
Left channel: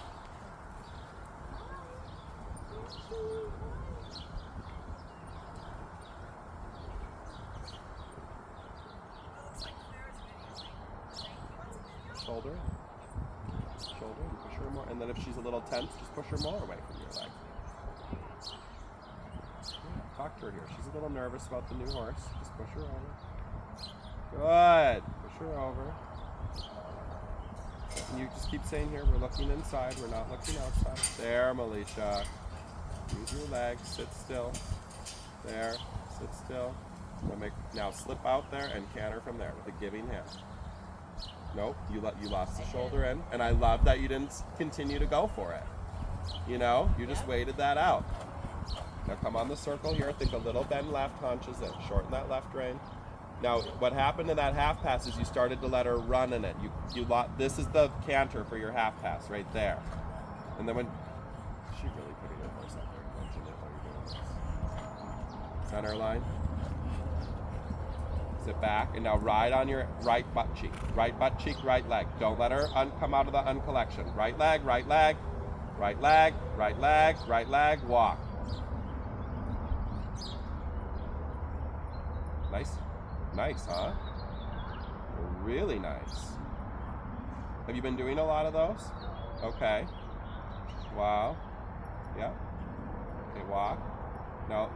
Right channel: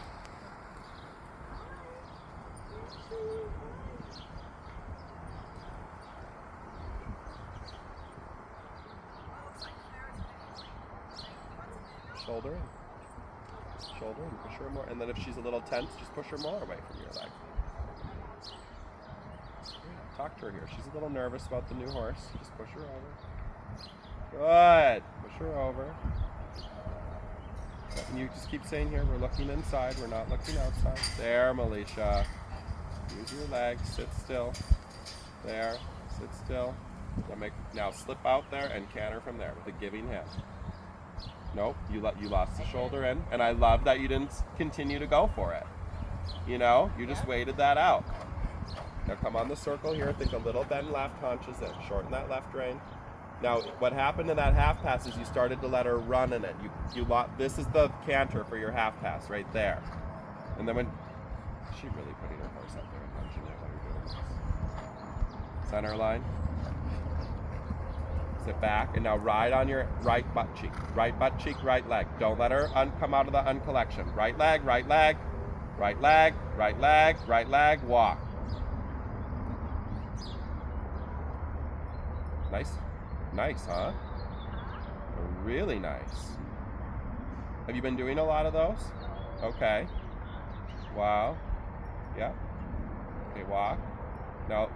Shoulder in. Shoulder in, push her more. And then if she's a little tense, just push her more away from your leg. Yeah, talk to her here. She's a little nervous about the new horse. Just push her over. Good. Push her over. And you just keep saying here, we're looking inside, we're not looking outside. There, Militia. Use your legs. Sit still. There. Sit still. Now slip out there and canter from there with a giving hand. Nope, you lost the shoulder in, and I love that you didn't continue to go for it. You know, you just waited that out. Now come on the circle here. Think a little bend left, haunches in. Shorten that left rein. Now, what happened in that half pass is you started to let her run in it. This is the canter for your half pass right there. And then when she really putting her horse up there, watching it while you're doing this. Center line. Sit back and now ride on your right butt cheek. Right butt cheek, right leg. Don't let her come out of the uncollection. Right leg, right leg, right leg, right leg, right leg, walk. Nice, huh? Really nice. Have you been doing a lot of those? Okay. Wow. Yeah. Okay, walk. Now,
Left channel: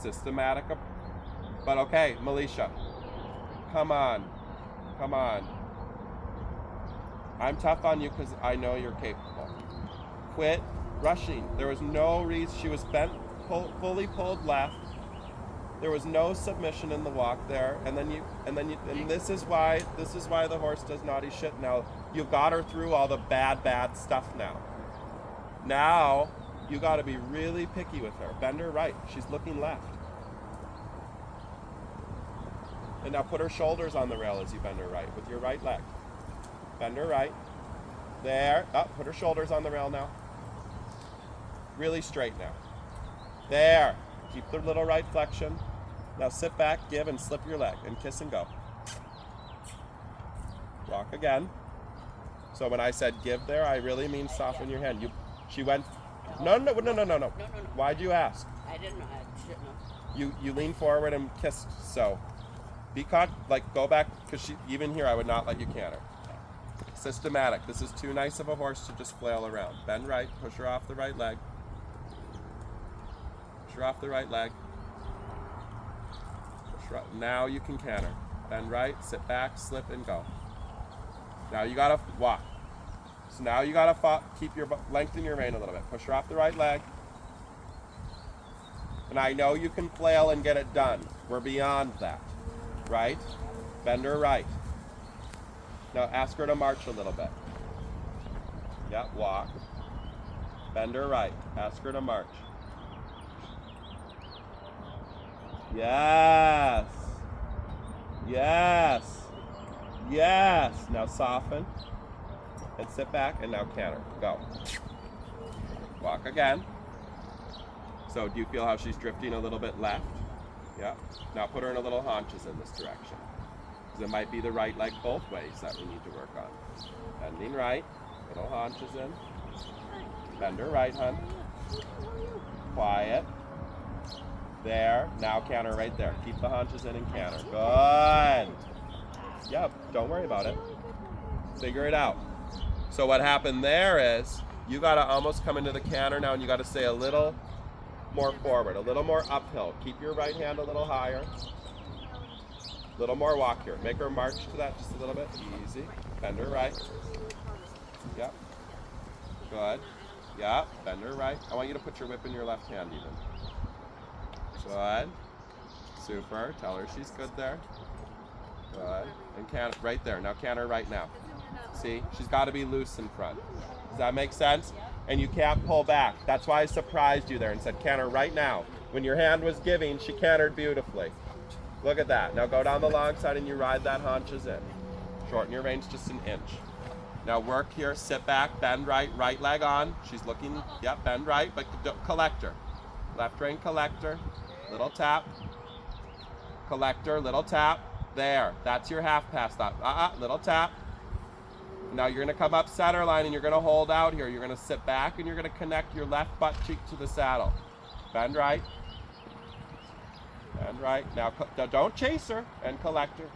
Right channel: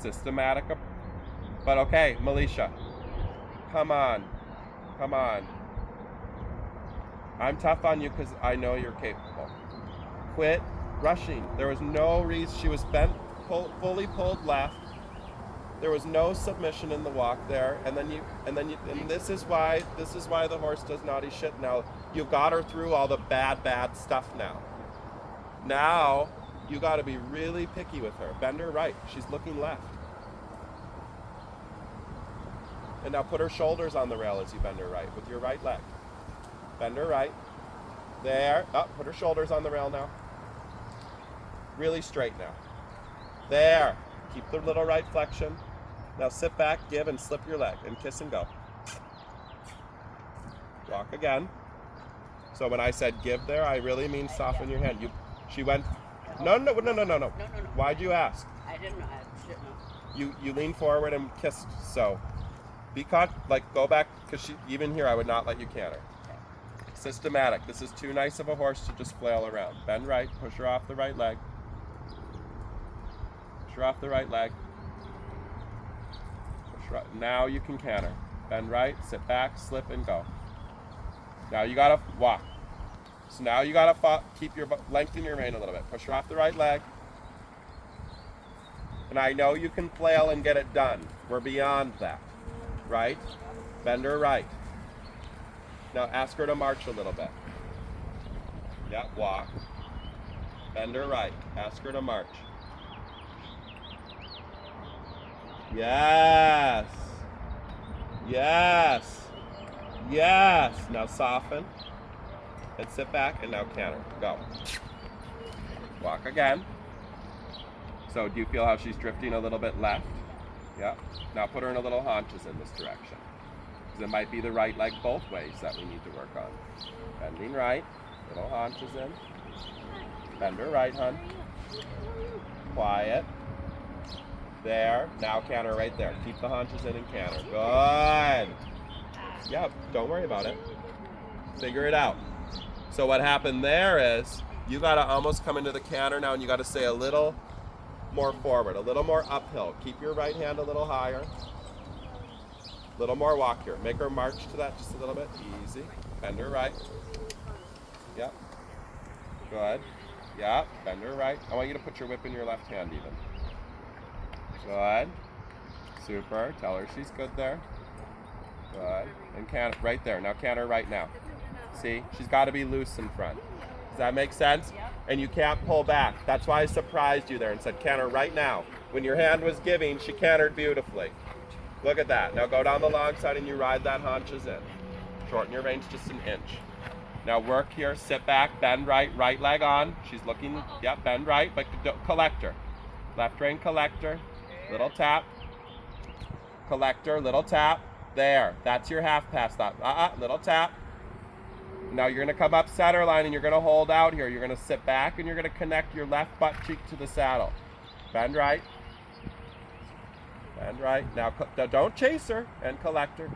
systematic. But okay, Melisha. Come on. I'm tough on you because I know you're capable. Quit rushing. There was no reason. She was bent, fully pulled left. There was no submission in the walk there, and this is why the horse does naughty shit. Now you've got her through all the bad stuff now. Now you got to be really picky with her. Bend her right. She's looking left. And now put her shoulders on the rail as you bend her right with your right leg. Bend her right. There. Put her shoulders on the rail now. Really straight now. There. Keep the little right flexion. Now sit back, give, and slip your leg, and kiss and go. Walk again. So when I said give there, I really mean soften your hand. She went. No. No. Why'd you ask? I didn't know. I didn't know. You lean forward and kissed. So be caught. Go back because even here I would not let you canter. Systematic. This is too nice of a horse to just flail around. Bend right. Push her off the right leg. Push her off the right leg. Now you can canter. Bend right, sit back, slip, and go. Now you gotta walk. So now you gotta keep lengthen your rein a little bit. Push her off the right leg. And I know you can flail and get it done. We're beyond that. Right? Bend her right. Now ask her to march a little bit. Yeah, walk. Bend her right. Ask her to march. Yes. Now soften. And sit back and now canter. Go. Walk again. So do you feel how she's drifting a little bit left? Yeah. Now put her in a little haunches in this direction. Because it might be the right leg both ways that we need to work on. Bending right. Little haunches in. Bend her right, hun. Quiet. There. Now canter right there. Keep the haunches in and canter. Good. Yep. Don't worry about it. Figure it out. So what happened there is you got to almost come into the canter now and you got to stay a little more forward, a little more uphill. Keep your right hand a little higher. A little more walk here. Make her march to that just a little bit. Easy. Bend her right. Yep. Good. Yeah. Bend her right. I want you to put your whip in your left hand even. Good. Super. Tell her she's good there. Good. And canter right there. Now canter right now. See? She's got to be loose in front. Does that make sense? Yep. And you can't pull back. That's why I surprised you there and said canter right now. When your hand was giving, she cantered beautifully. Look at that. Now go down the long side and you ride that haunches in. Shorten your reins just an inch. Now work here. Sit back. Bend right. Right leg on. She's looking. Yep. Bend right. But collector. Left rein collector. Little tap. Collector. Little tap. There. That's your half pass. Little tap. Now you're going to come up center line and you're going to hold out here. You're going to sit back and you're going to connect your left butt cheek to the saddle. Bend right. Bend right. Now don't chase her and collect her.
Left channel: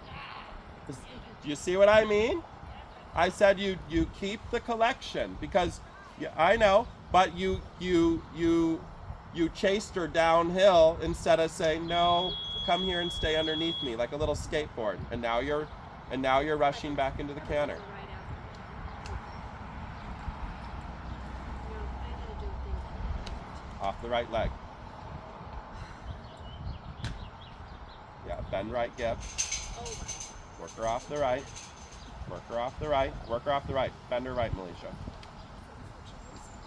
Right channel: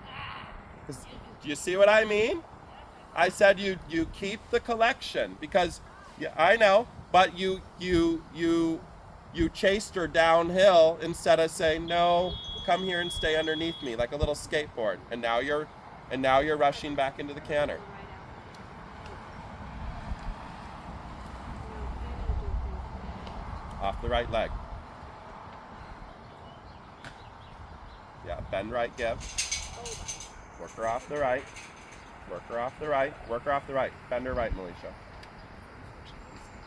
Do you see what I mean? I said you keep the collection because I know, but you chased her downhill instead of saying no, come here and stay underneath me like a little skateboard. And now you're rushing back into the canter. off the right leg. Yeah, bend right, give. Work her off the right. Work her off the right. Work her off the right. Bend her right, Militia.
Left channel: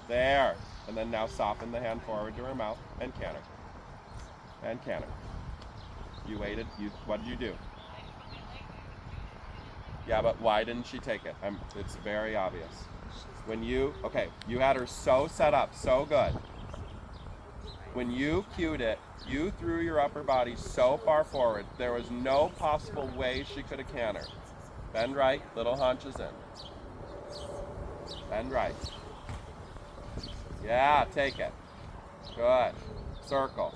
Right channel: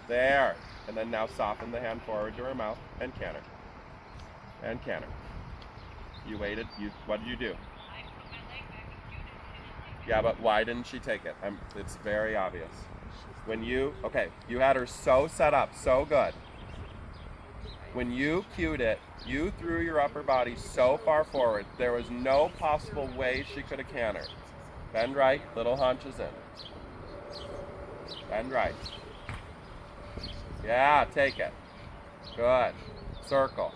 There. And then now soften the hand forward to her mouth and canter. And canter. You waited. What did you do? I put my leg back and viewed it. Yeah, but why didn't she take it? It's very obvious. When you had her so set up, so good. When you cued it, you threw your upper body so far forward, there was no possible way she could have cantered. Bend right, little haunches in. Bend right. Yeah, take it. Good. Circle.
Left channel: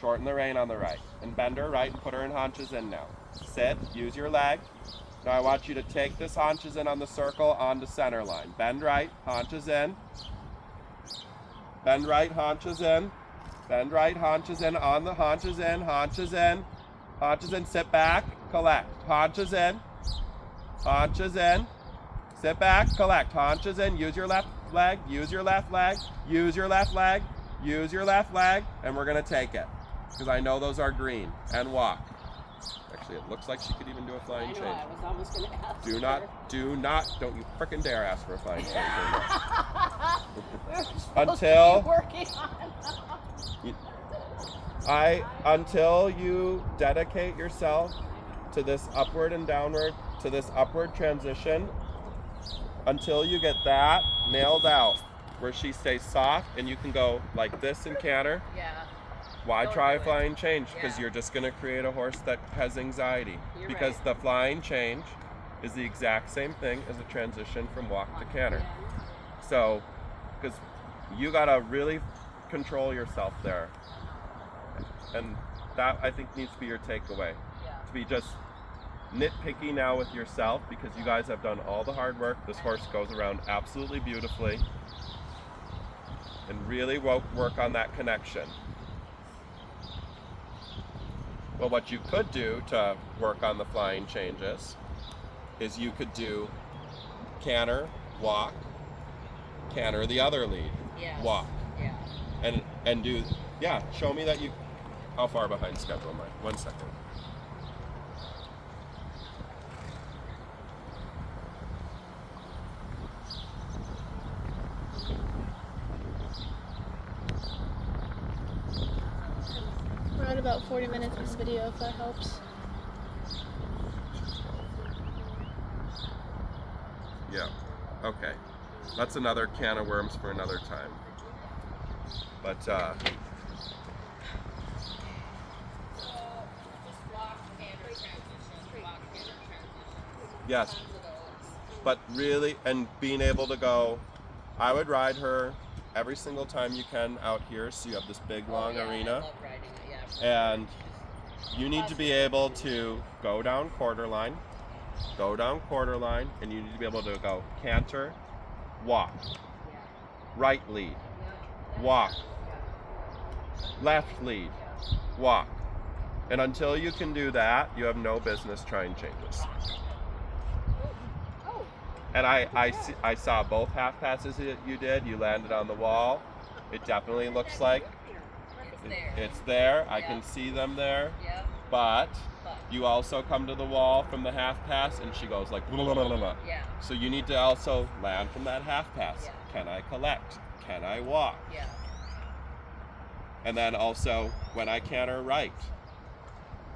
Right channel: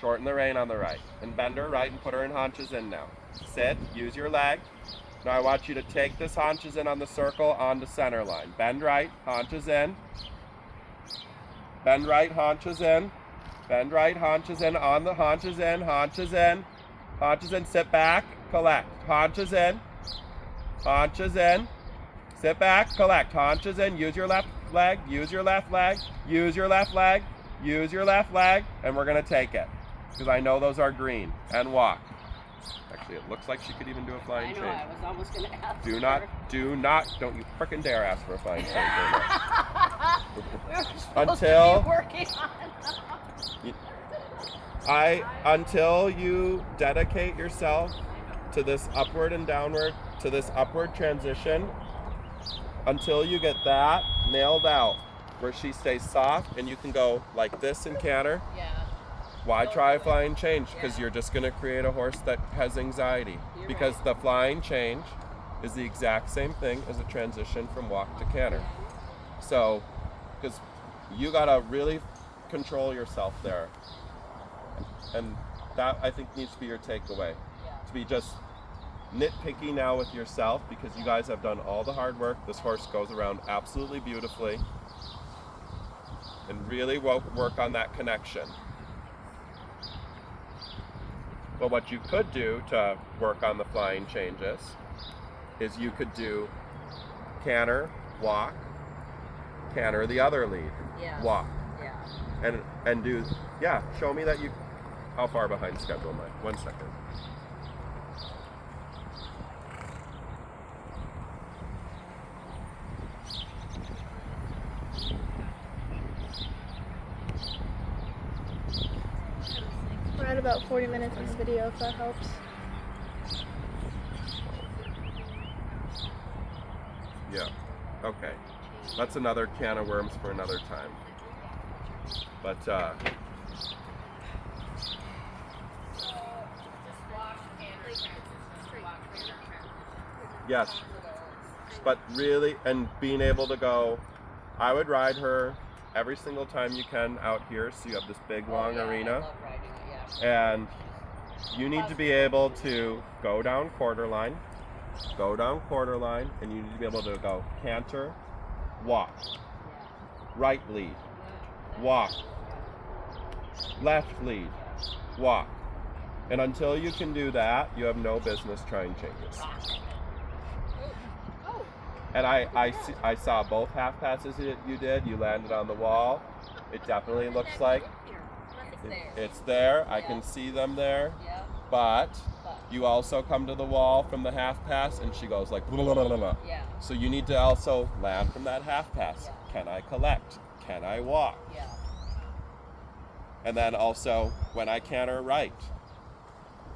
Shorten the rein on the right. And bend her right and put her in haunches in now. Sit, use your leg. Now I want you to take this haunches in on the circle onto center line. Bend right, haunches in. Bend right, haunches in. Bend right, haunches in, on the haunches in, haunches in. Haunches in, sit back, collect. Haunches in. Haunches in. Sit back, collect. Haunches in, use your left leg, use your left leg, use your left leg, use your left leg, and we're gonna take it. Because I know those are green. And walk. Actually, it looks like she could even do a flying I know, change. I was almost going to ask Do not, don't you frickin' dare ask for a flying change. We were supposed Until- to be working on Until you dedicate yourself to this upward and downward, to this upward transition, until you get that nailed out, where she stays soft and you can go like this and canter. Yeah. Why Don't try a do it. flying change? Because Yeah. you're just going to create a horse that has anxiety. You're because right. the flying change is the exact same thing as a transition from walk to canter. So, because you got to really control yourself there. And that, I think, needs to be your takeaway. Yeah. To be just nitpicky now with yourself, because you guys have done all the hard work. This horse goes around absolutely beautifully. And really work on that connection. Well, what you could do to work on the flying changes is you could do canter, walk, canter the other lead, Yeah. walk, Yeah. and do, yeah, show me that you, how far behind schedule am I? 1 second. We're at about 40 minutes in this video, if that helps. Yeah, okay. That's another can of worms for another time. But, So just walk, canter, transition, walk, canter, transition. yes, Tons of those. but really, and being able to go, I would ride her every single time you can out here, so you have this big long Oh, yeah, arena. I love riding it, yeah. And you need to be able to go down quarter line, and you need to be able to go canter, walk, Yeah. right lead, Yep. walk, Yeah. left lead, walk. And until you can do that, you have no business trying changes. Oh. And I saw both half passes that you did. You landed on the wall. It definitely looks like It's there. it's there. I Yeah. can see them there. Yep. But But. you also come to the wall from the half pass, and she goes like, blah, blah, blah, blah, blah. Yeah. So you need to also land from that half pass. Yeah. Can I collect? Can I walk? Yeah. And then also, when I canter right,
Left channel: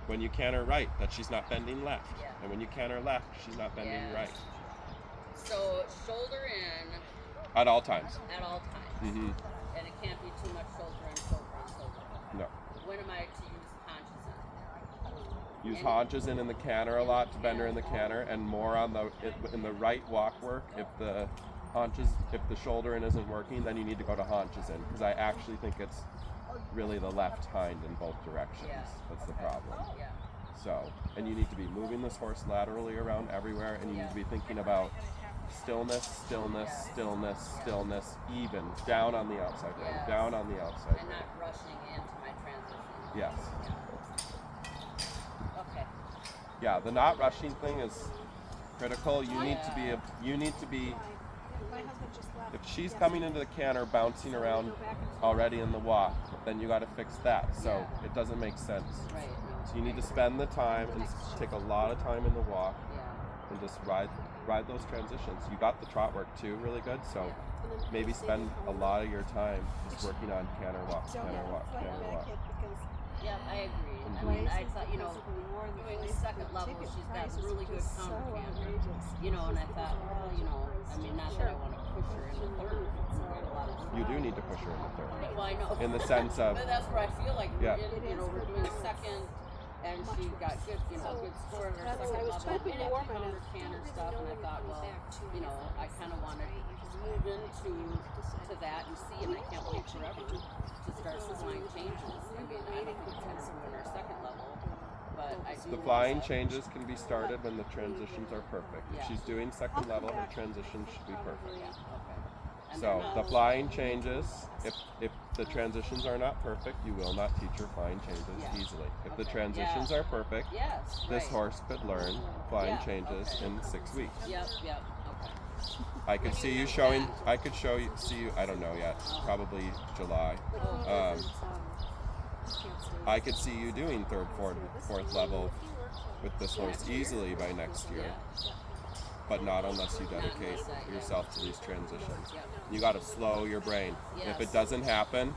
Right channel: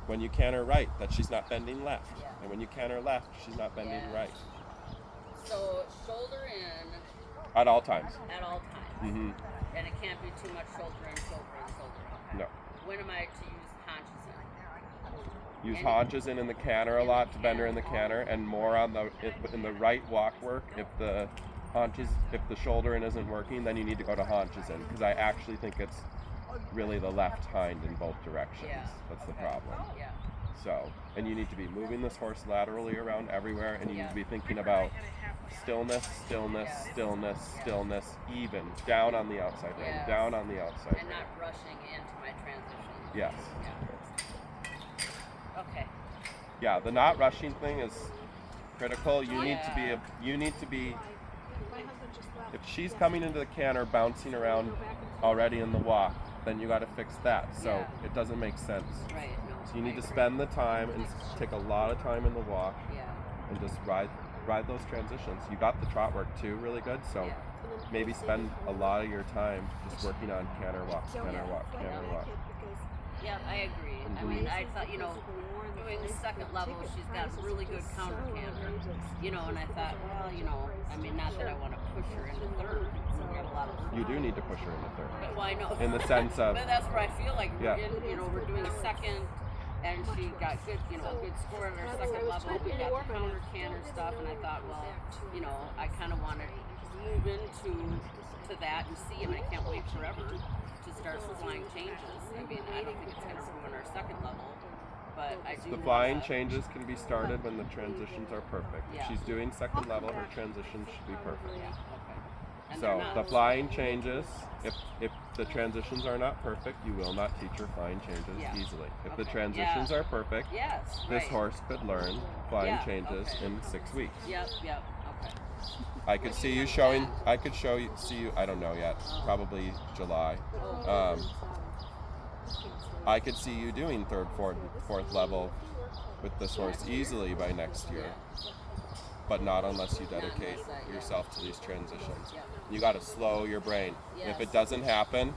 when you canter right, that she's not bending left. Yeah. And when you canter left, she's not bending Yes. right. So shoulder in At all times. at all times. Mm-hmm. And it can't be too much shoulder in, shoulder in, shoulder in. No. When am I to use haunches in? Use And- haunches in the canter a lot to bend her in the canter, and more on the in the right walk work. If the shoulder in isn't working, then you need to go to haunches in, because I actually think it's really the left hind in both directions. Yeah. That's the Okay. problem. Yeah. So, and you need to be moving this horse laterally around everywhere, and you need Yeah. to be thinking about stillness, stillness, Yeah. stillness, Yeah. stillness, even down on the outside rein, Yes. down on the outside And rein. not rushing into my transition. Yes. Yeah. Okay. Yeah, the not rushing thing is critical. You need to be Yeah. you need to be My husband just left. If she's coming into the canter, bouncing around already in the walk, then you got to fix that. So Yeah. it doesn't make sense. Right. No. So you I need to agree. spend the time and take a lot of time in the walk Yeah. and just ride those transitions. You got the trot work too really good, so Yeah. maybe spend a lot of your time just working on canter walk, canter walk, canter walk. Yeah, I agree. I mean, I thought, you know, doing the second level, she's got really good counter canter. You know, and I thought, well, you know, I mean, not that I want to push her into third. We have a lot of work. You do need to push her into third. But, well, I know. In the sense of, But that's where I feel like Yeah. we're in, you know, we're doing a second, and she got good, you know, a good score at our second level. We got the counter canter stuff, and I thought, well, you know, I kind of want to move into that and see, and I can't wait forever to start flying changes. I mean, I don't think it's going to ruin our second level, but I do. the flying changes can be started when the transitions are perfect. If Yeah. she's doing second level, her transitions should be perfect. Yeah. Okay. And they're So not. the flying changes, if the transitions are not perfect, you will not teach her flying changes Yeah. easily. If the Okay. transitions are perfect, Yes. this right. horse could learn flying Yeah, changes okay. in 6 weeks. Yep. Yep. Okay. I could see you showing. I could see you. I don't know yet. Probably July. Oh. I could see you doing third, fourth level with this horse easily by next year. Yeah. But not unless you dedicate unless I- yeah. yourself to these transitions. Yep. You got to slow your brain. If Yes. it doesn't happen,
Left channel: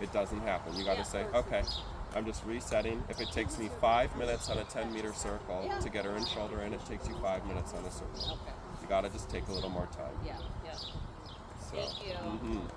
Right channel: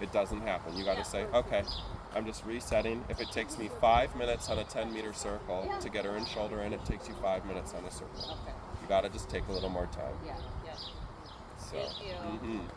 it doesn't happen. You got to Yeah. say, okay, I'm just resetting. If it takes me 5 minutes on a 10-meter circle Yeah. to get her in, shoulder in, it takes you 5 minutes on a circle. Okay. You got to just take a little more time. Yeah. Yeah. So, Thank you. mhm.